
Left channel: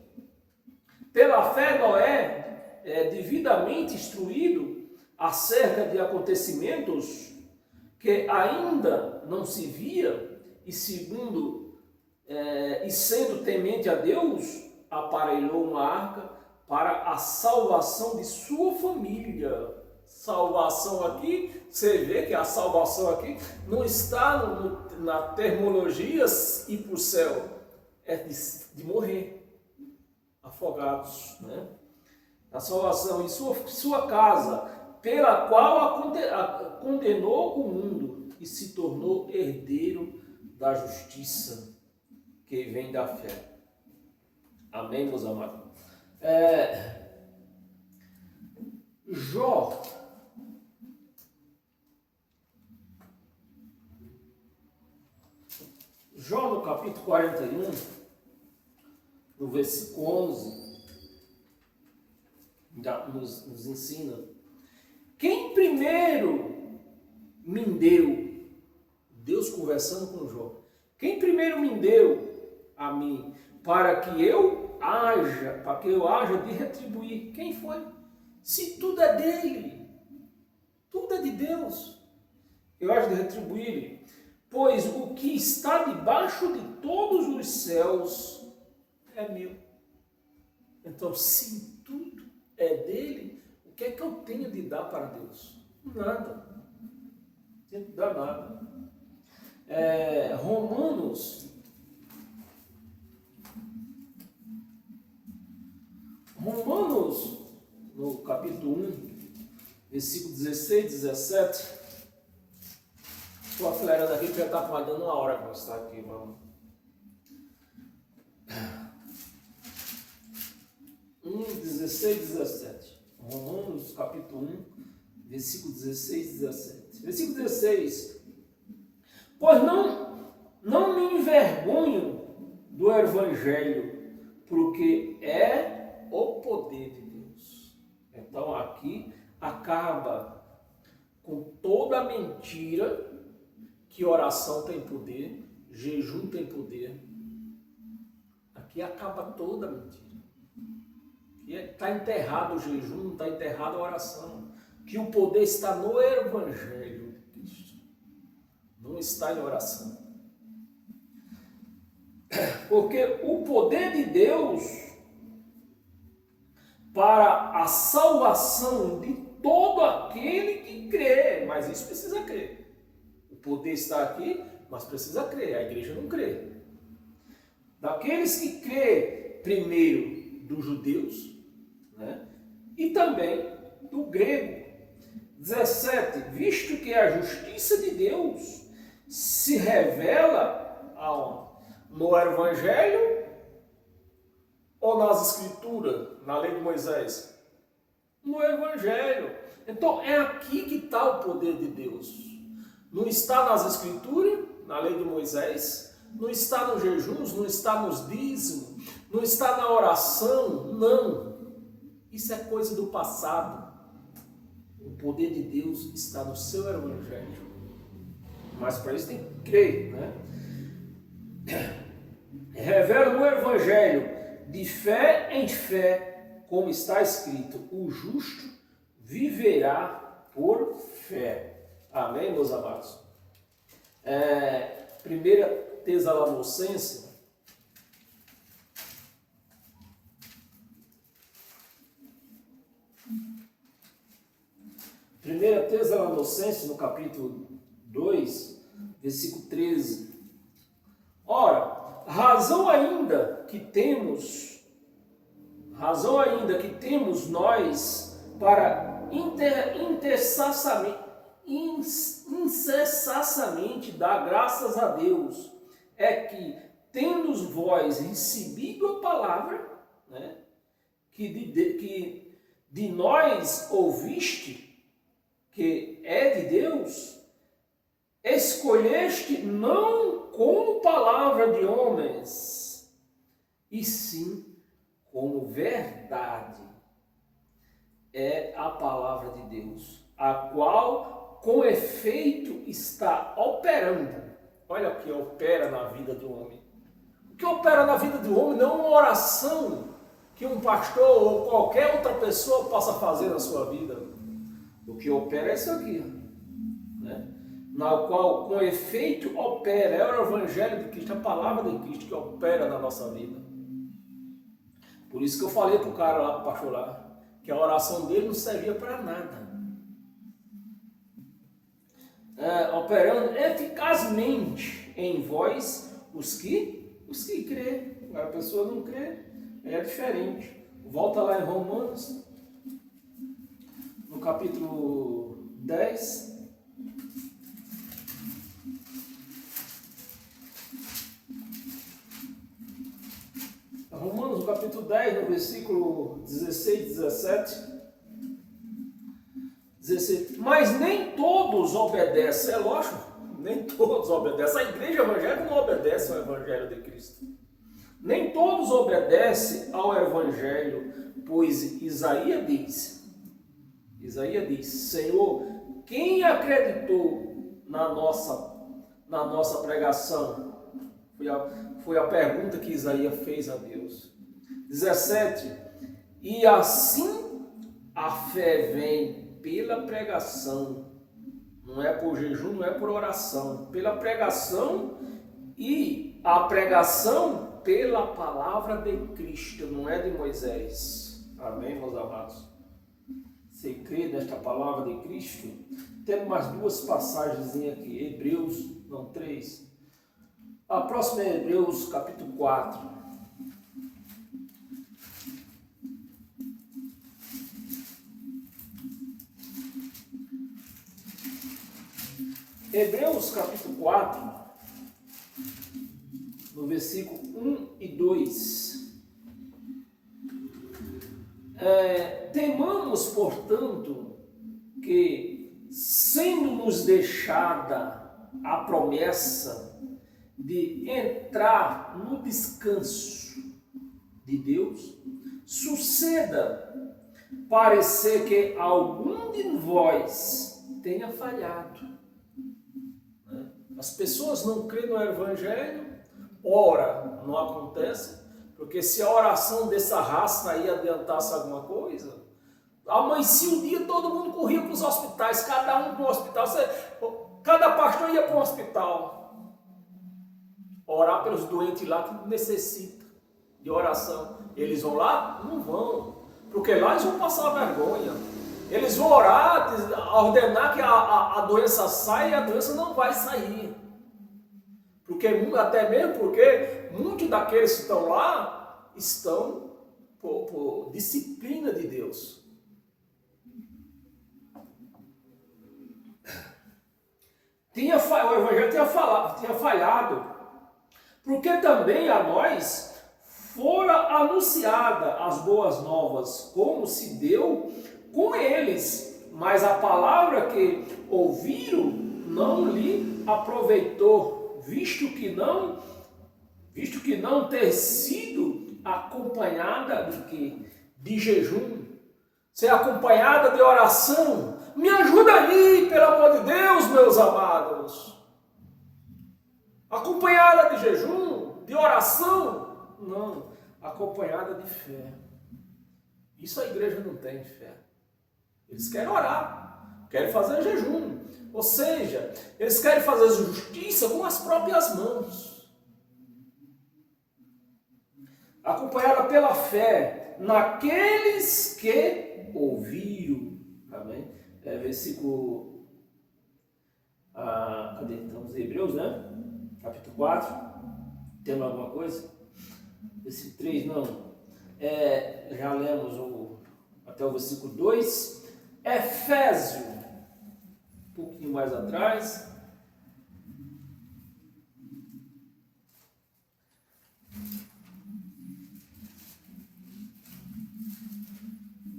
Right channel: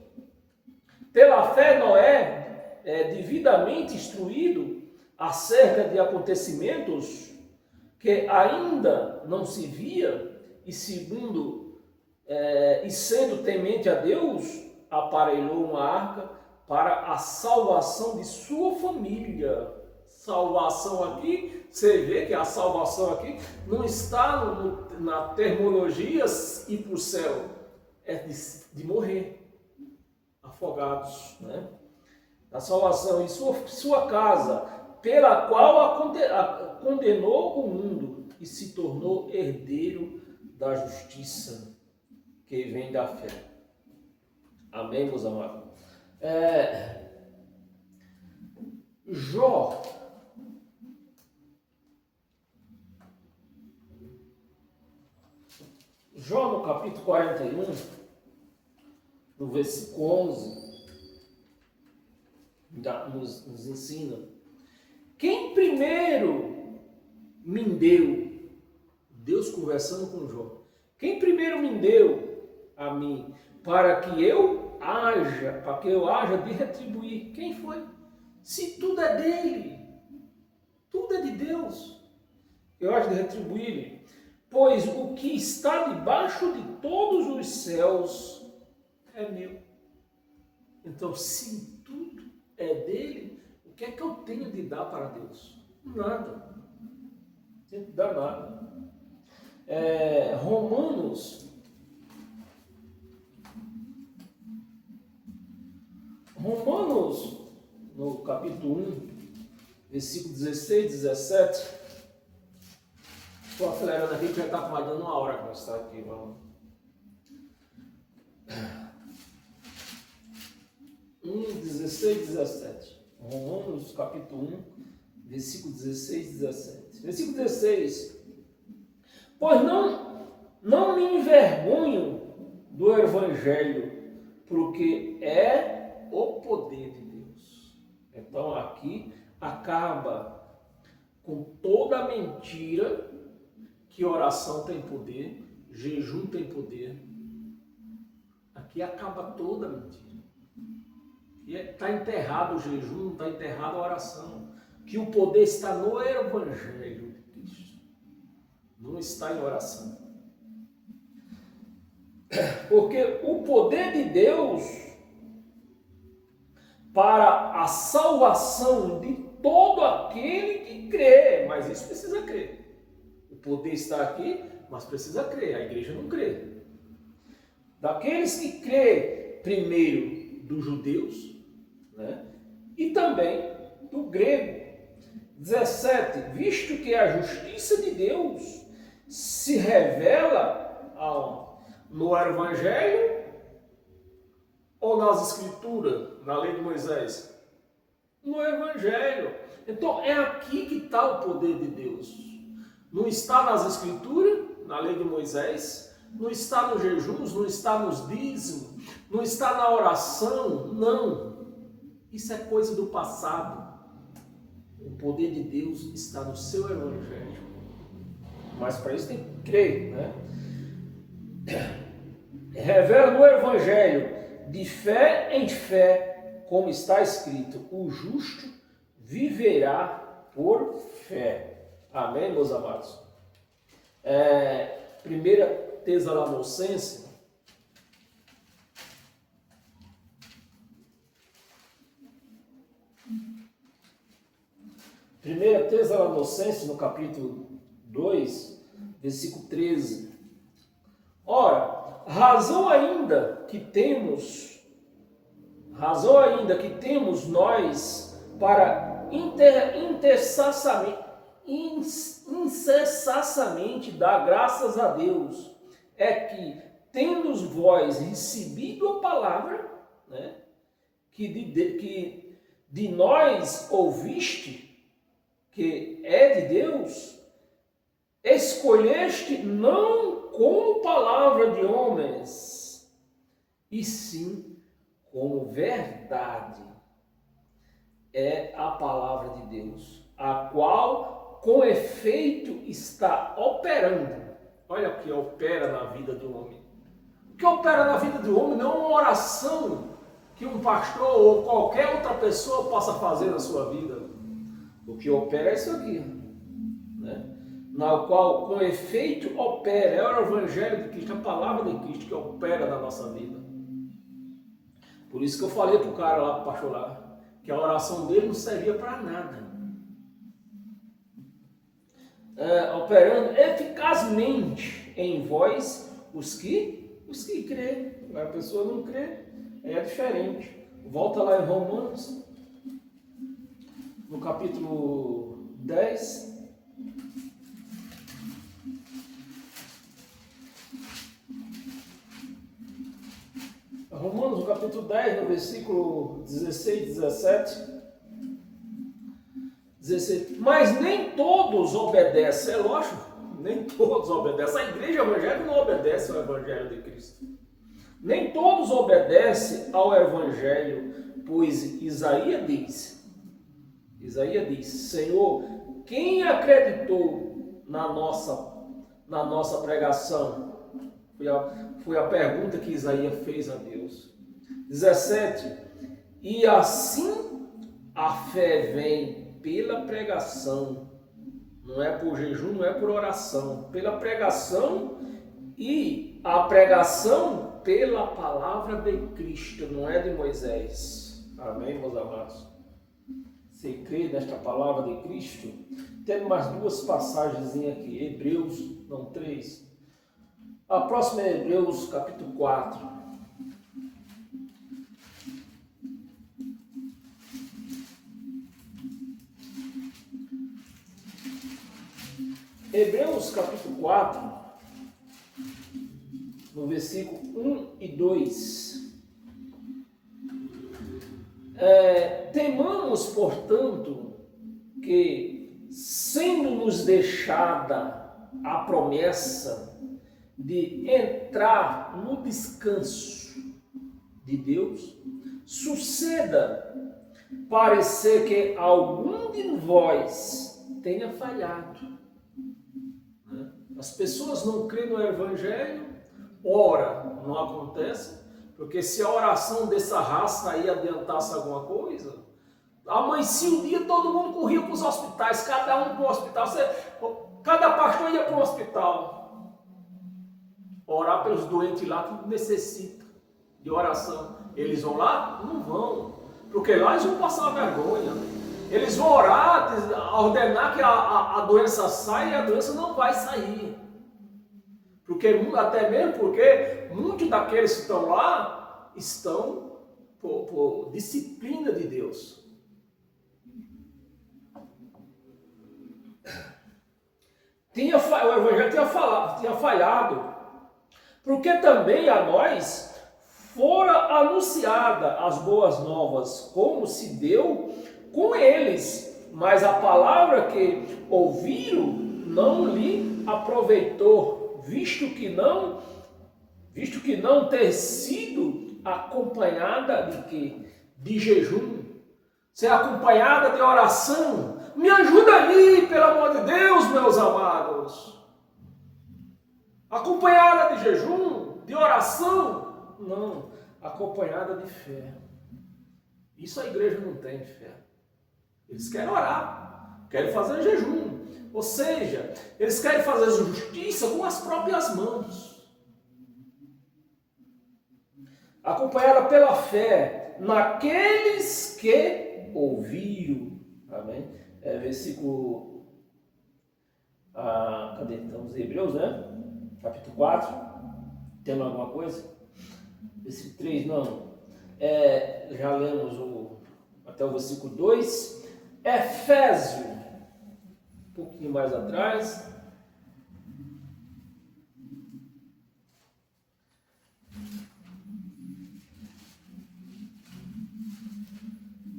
Pela fé, Noé é devidamente instruído acerca de acontecimentos que ainda não se via, e sendo temente a Deus, aparelhou uma arca para a salvação de sua família. Salvação aqui, você vê que a salvação aqui não está na terminologia ir para o céu, é de morrer, afogados, né? A salvação em sua casa, pela qual condenou o mundo e se tornou herdeiro da justiça que vem da fé. Amém, meus amados? Jó no capítulo 41, no versículo 11, nos ensina: quem primeiro me deu, Deus conversando com Jó, quem primeiro me deu a mim, para que eu haja de retribuir? Quem foi? Se tudo é dele, tudo é de Deus, eu hajo de retribuir. Pois o que está debaixo de todos os céus é meu. Então, se tudo é dele, o que é que eu tenho de dar para Deus? Nada. Não tenho de dar nada. Romanos, no capítulo 1, versículo 16 e 17. Estou acelerando aqui que já está mais dando uma hora que nós estamos aqui, vamos. 16 e 17. Romanos, capítulo 1, versículo 16 e 17. Versículo 16. Pois não me envergonho do Evangelho, porque é o poder de Deus. Então aqui acaba com toda a mentira que oração tem poder, jejum tem poder. Aqui acaba toda a mentira. Está enterrado o jejum, não está enterrado a oração. Que o poder está no Evangelho de Cristo, não está em oração. Porque o poder de Deus para a salvação de todo aquele que crê, mas isso precisa crer. O poder está aqui, mas precisa crer. A igreja não crê. Daqueles que crê primeiro dos judeus, né? E também do grego. 17. Visto que a justiça de Deus se revela no Evangelho ou nas Escrituras, na lei de Moisés? No Evangelho. Então é aqui que está o poder de Deus. Não está nas Escrituras, na lei de Moisés, não está nos jejuns, não está nos dízimos, não está na oração, não. Isso é coisa do passado. O poder de Deus está no seu Evangelho. Mas para isso tem que crer, né? Revela no Evangelho, de fé em fé, como está escrito: o justo viverá por fé. Amém, meus amados? 1 Tessalonicenses, no capítulo 2, versículo 13. Ora, razão ainda que temos nós para incessantemente dar graças a Deus, é que, tendo vós recebido a palavra, né, que de nós ouviste, que é de Deus, escolheste não como palavra de homens, e sim como verdade. É a palavra de Deus, a qual com efeito está operando. Olha o que opera na vida do homem. O que opera na vida do homem não é uma oração que um pastor ou qualquer outra pessoa possa fazer na sua vida. O que opera é isso aqui, né? Na qual com efeito opera, é o Evangelho de Cristo, a palavra de Cristo que opera na nossa vida. Por isso que eu falei para o cara lá, para o pastor lá, que a oração dele não servia para nada. Operando eficazmente em vós os que crê. A pessoa não crê, é diferente. Volta lá em Romanos, no capítulo 10. Romanos, no capítulo 10, no versículo 16, 17. 16. Mas nem todos obedecem, é lógico, nem todos obedecem. A igreja evangélica não obedece ao Evangelho de Cristo. Nem todos obedecem ao Evangelho, pois Isaías diz, Senhor, quem acreditou na nossa pregação? Foi a pergunta que Isaías fez a Deus. 17. E assim a fé vem pela pregação, não é por jejum, não é por oração, pela pregação, e a pregação pela palavra de Cristo, não é de Moisés. Amém, meus amados? Você crê nesta palavra de Cristo? Temos mais duas passagens aqui, Hebreus, não, 3. A próxima é Hebreus capítulo 4. Hebreus capítulo 4, no versículo 1 e 2. Temamos, portanto, que, sendo-nos deixada a promessa de entrar no descanso de Deus, suceda parecer que algum de vós tenha falhado. As pessoas não creem no Evangelho, ora, não acontece, porque se a oração dessa raça aí adiantasse alguma coisa, amanhecia o dia, todo mundo corria para os hospitais, cada um para um hospital, cada pastor ia para um hospital, orar pelos doentes lá que necessitam de oração. Eles vão lá? Não vão, porque lá eles vão passar vergonha. Eles vão orar, ordenar que a doença saia e a doença não vai sair. Até mesmo porque muitos daqueles que estão lá estão por disciplina de Deus. O Evangelho tinha falhado, porque também a nós fora anunciada as boas novas, como se deu com eles, mas a palavra que ouviram não lhe aproveitou, visto que não ter sido acompanhada de quê? De jejum, ser acompanhada de oração. Me ajuda aí, pelo amor de Deus, meus amados. Acompanhada de jejum, de oração? Não, acompanhada de fé. Isso a igreja não tem fé. Eles querem orar, querem fazer jejum, ou seja, eles querem fazer justiça com as próprias mãos. Acompanhada pela fé naqueles que ouviram. Amém? Versículo. Cadê? Estamos em Hebreus, né? Capítulo 4. Temos alguma coisa? Versículo 3, não. Já lemos até o versículo 2. Efésio, um pouquinho mais atrás.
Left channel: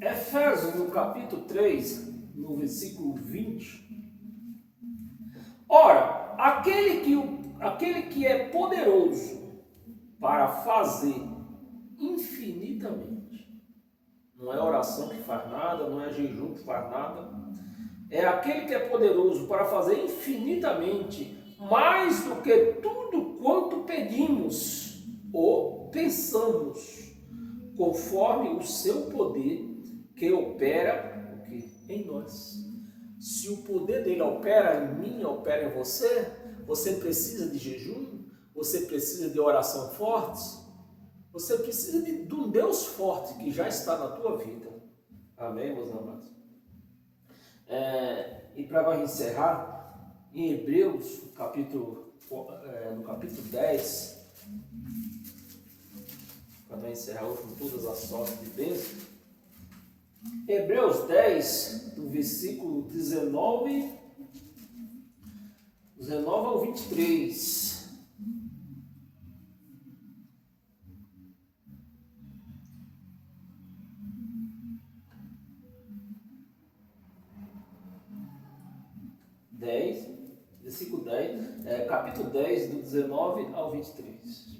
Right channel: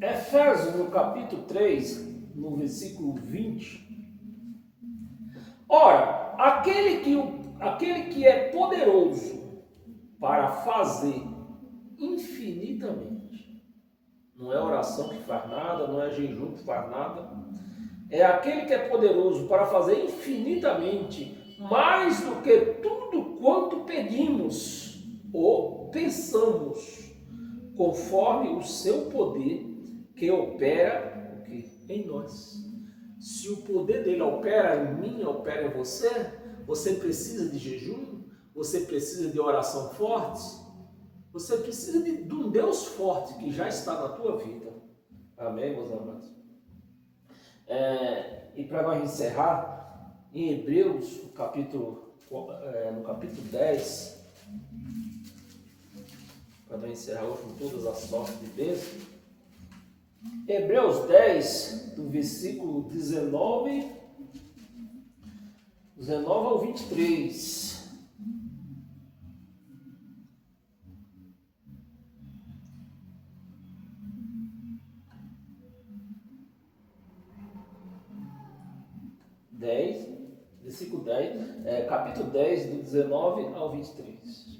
Efésios, no capítulo 3, no versículo 20. Ora, aquele que é poderoso para fazer infinitamente. Não é oração que faz nada, não é jejum que faz nada. é aquele que é poderoso para fazer infinitamente mais do que tudo quanto pedimos ou pensamos, conforme o seu poder que opera o quê? Em nós. Se o poder dele opera em mim, opera em você, você precisa de jejum, você precisa de oração forte, você precisa de um Deus forte que já está na tua vida. Amém, meus amados? E para nós encerrar, em Hebreus, no capítulo 10, para nós encerrar hoje com todas as sortes de bênçãos, Hebreus 10, do versículo 19 ao 23. Versículo 10, capítulo 10, do 19 ao 23.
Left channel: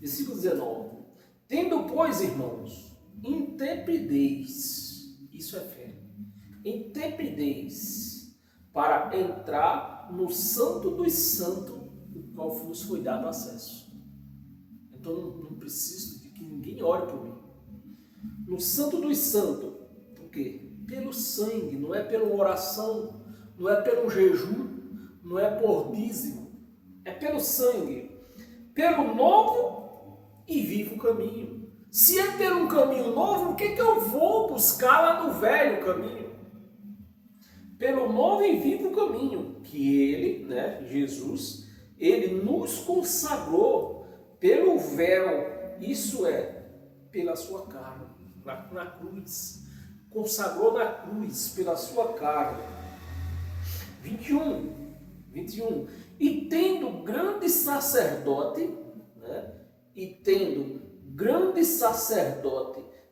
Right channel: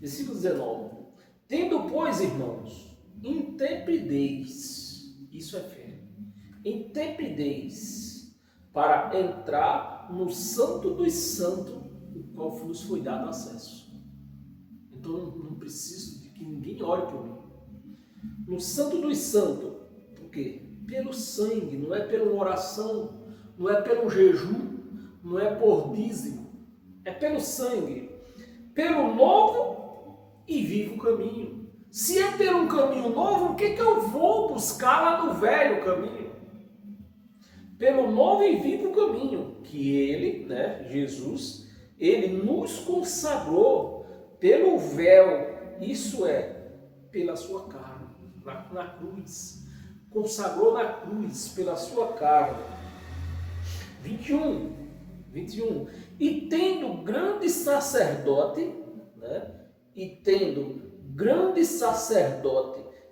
Versículo 19. Tendo, pois, irmãos, intrepidez, isso é fé, intrepidez para entrar no santo dos santos, o qual nos foi dado acesso. Então não preciso de que ninguém ore por mim. No santo dos santos, por quê? Pelo sangue, não é pela oração, não é pelo jejum, não é por dízimo, é pelo sangue, pelo novo e vivo caminho. Se é pelo um caminho novo, o que eu vou buscar lá no velho caminho? Pelo novo e vivo caminho, que ele, Jesus, ele nos consagrou pelo véu, isso é, pela sua carne, na cruz. Consagrou na cruz pela sua carne. 21. E tendo grande sacerdote,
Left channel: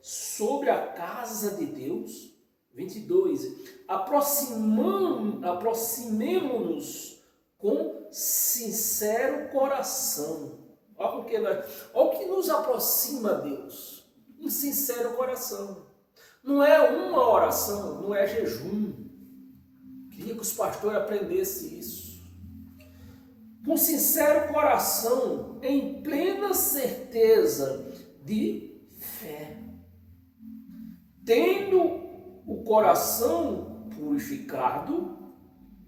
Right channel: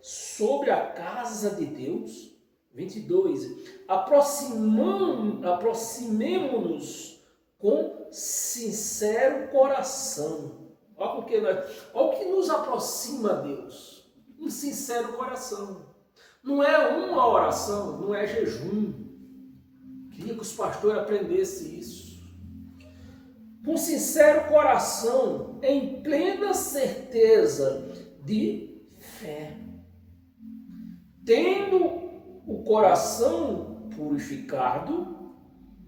sobre a casa de Deus. 22. Aproximemo-nos com sincero coração. Olha o que nos aproxima a Deus. Um sincero coração. Não é uma oração, não é jejum. Queria que os pastores aprendessem isso. Com sincero coração, em plena certeza de fé. Tendo o coração purificado,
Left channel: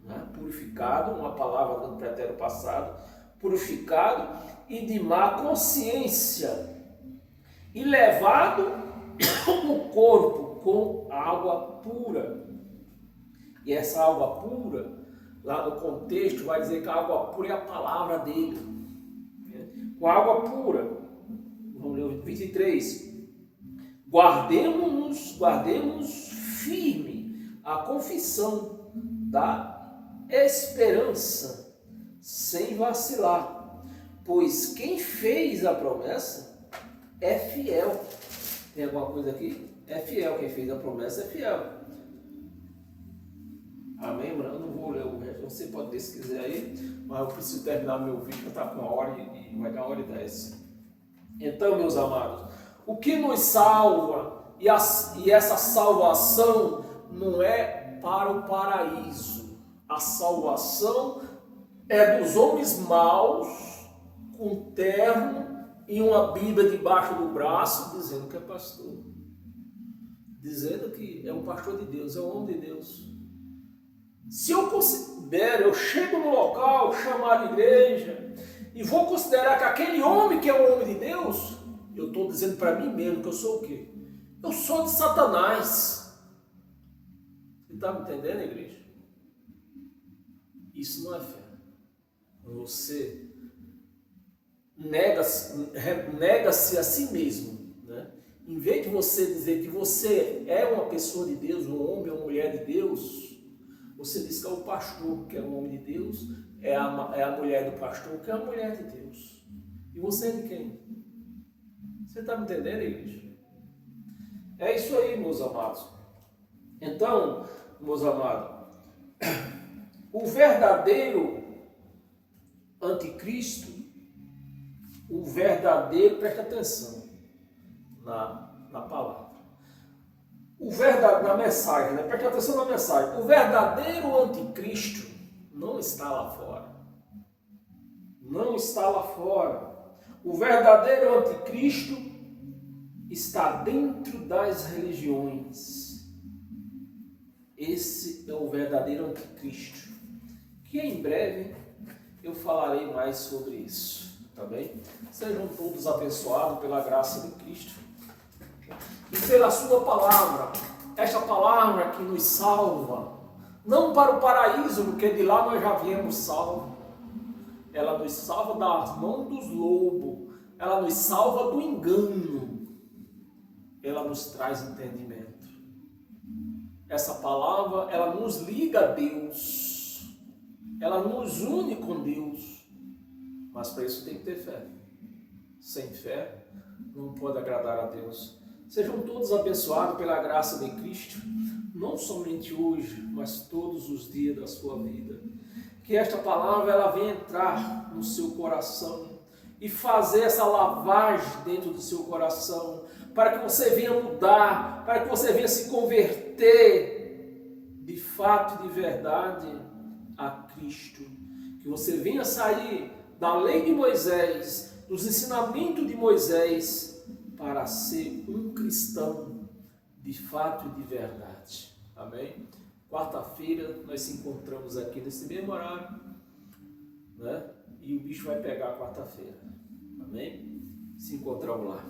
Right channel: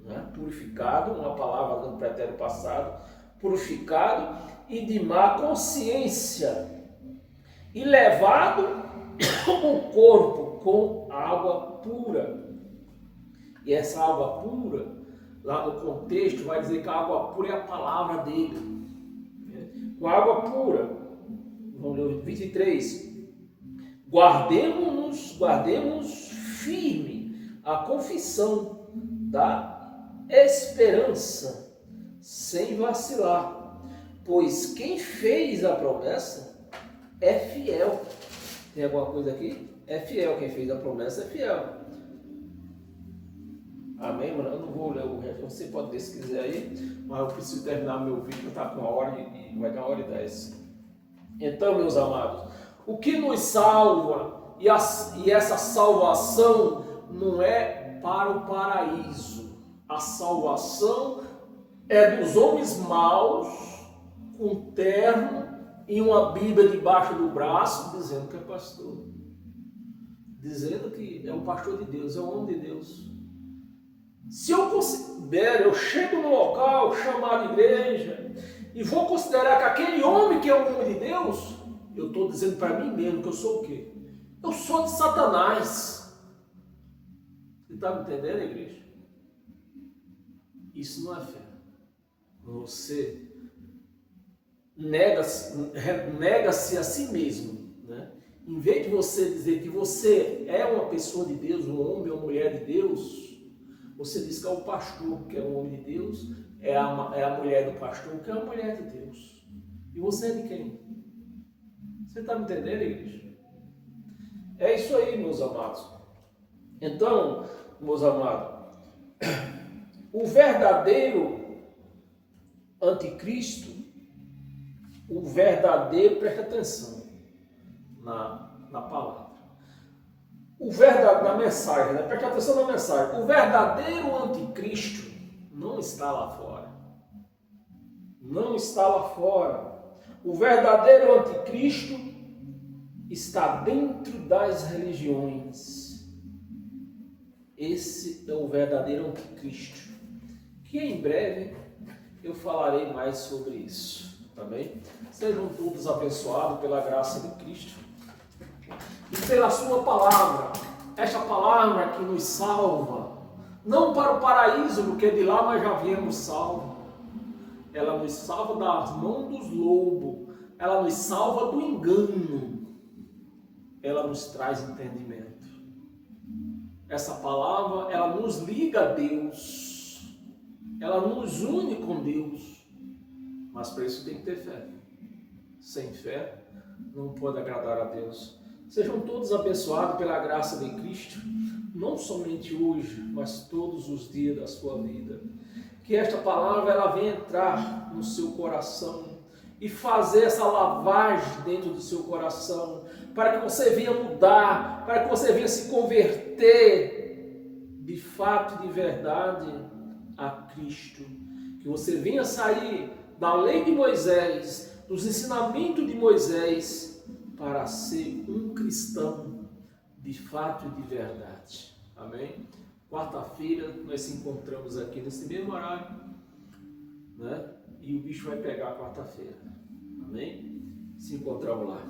uma palavra do pretérito passado, purificado e de má consciência, e levado o corpo com água pura. E essa água pura, lá no contexto, vai dizer que a água pura é a palavra dele. Com água pura, vamos ler o 23. Guardemos firme a confissão da esperança, sem vacilar, pois quem fez a promessa é fiel. Tem alguma coisa aqui? É fiel. Quem fez a promessa é fiel. Amém, mano? Eu não vou ler o resto. Você pode ler se quiser aí, mas eu preciso terminar meu vídeo, que está com 1h e vai dar 1h10. Então, meus amados, o que nos salva, e essa salvação não é para o paraíso. A salvação é dos homens maus, com terno e uma Bíblia debaixo do braço, dizendo que é pastor. Dizendo que é um pastor de Deus, é um homem de Deus. Se eu considero, eu chego no local, chamar a igreja, e vou considerar que aquele homem que é um homem de Deus, eu estou dizendo para mim mesmo que eu sou o quê? Eu sou de Satanás. Você está me entendendo, igreja? Isso não é fé. Você nega-se a si mesmo, Em vez de você dizer que você é uma pessoa de Deus, um homem ou mulher de Deus, você diz que é o pastor que é um homem de Deus, é a mulher do pastor que é a mulher de Deus. E você é de quem? Você está me entendendo, igreja? É isso aí, meus amados. Então, meus amados, o verdadeiro anticristo, presta atenção na palavra. o verdadeiro, na mensagem, né? Preste atenção na mensagem. O verdadeiro anticristo não está lá fora. Não está lá fora. O verdadeiro anticristo está dentro das religiões. Esse é o verdadeiro anticristo. Que em breve eu falarei mais sobre isso. Tá bem? Sejam todos abençoados pela graça de Cristo e pela sua palavra. Esta palavra que nos salva, não para o paraíso, porque de lá nós já viemos salvos. Ela nos salva das mãos dos lobos, ela nos salva do engano, ela nos traz entendimento. Essa palavra, ela nos liga a Deus, ela nos une com Deus, mas para isso tem que ter fé. Sem fé, não pode agradar a Deus. Sejam todos abençoados pela graça de Cristo, não somente hoje, mas todos os dias da sua vida. Que esta palavra ela venha entrar no seu coração e fazer essa lavagem dentro do seu coração, para que você venha mudar, para que você venha se converter de fato e de verdade a Cristo. Que você venha sair da lei de Moisés, dos ensinamentos de Moisés, para ser um cristão de fato e de verdade. Amém? Quarta-feira nós se encontramos aqui nesse mesmo horário, né? E o bicho vai pegar quarta-feira. Amém? Se encontramos lá.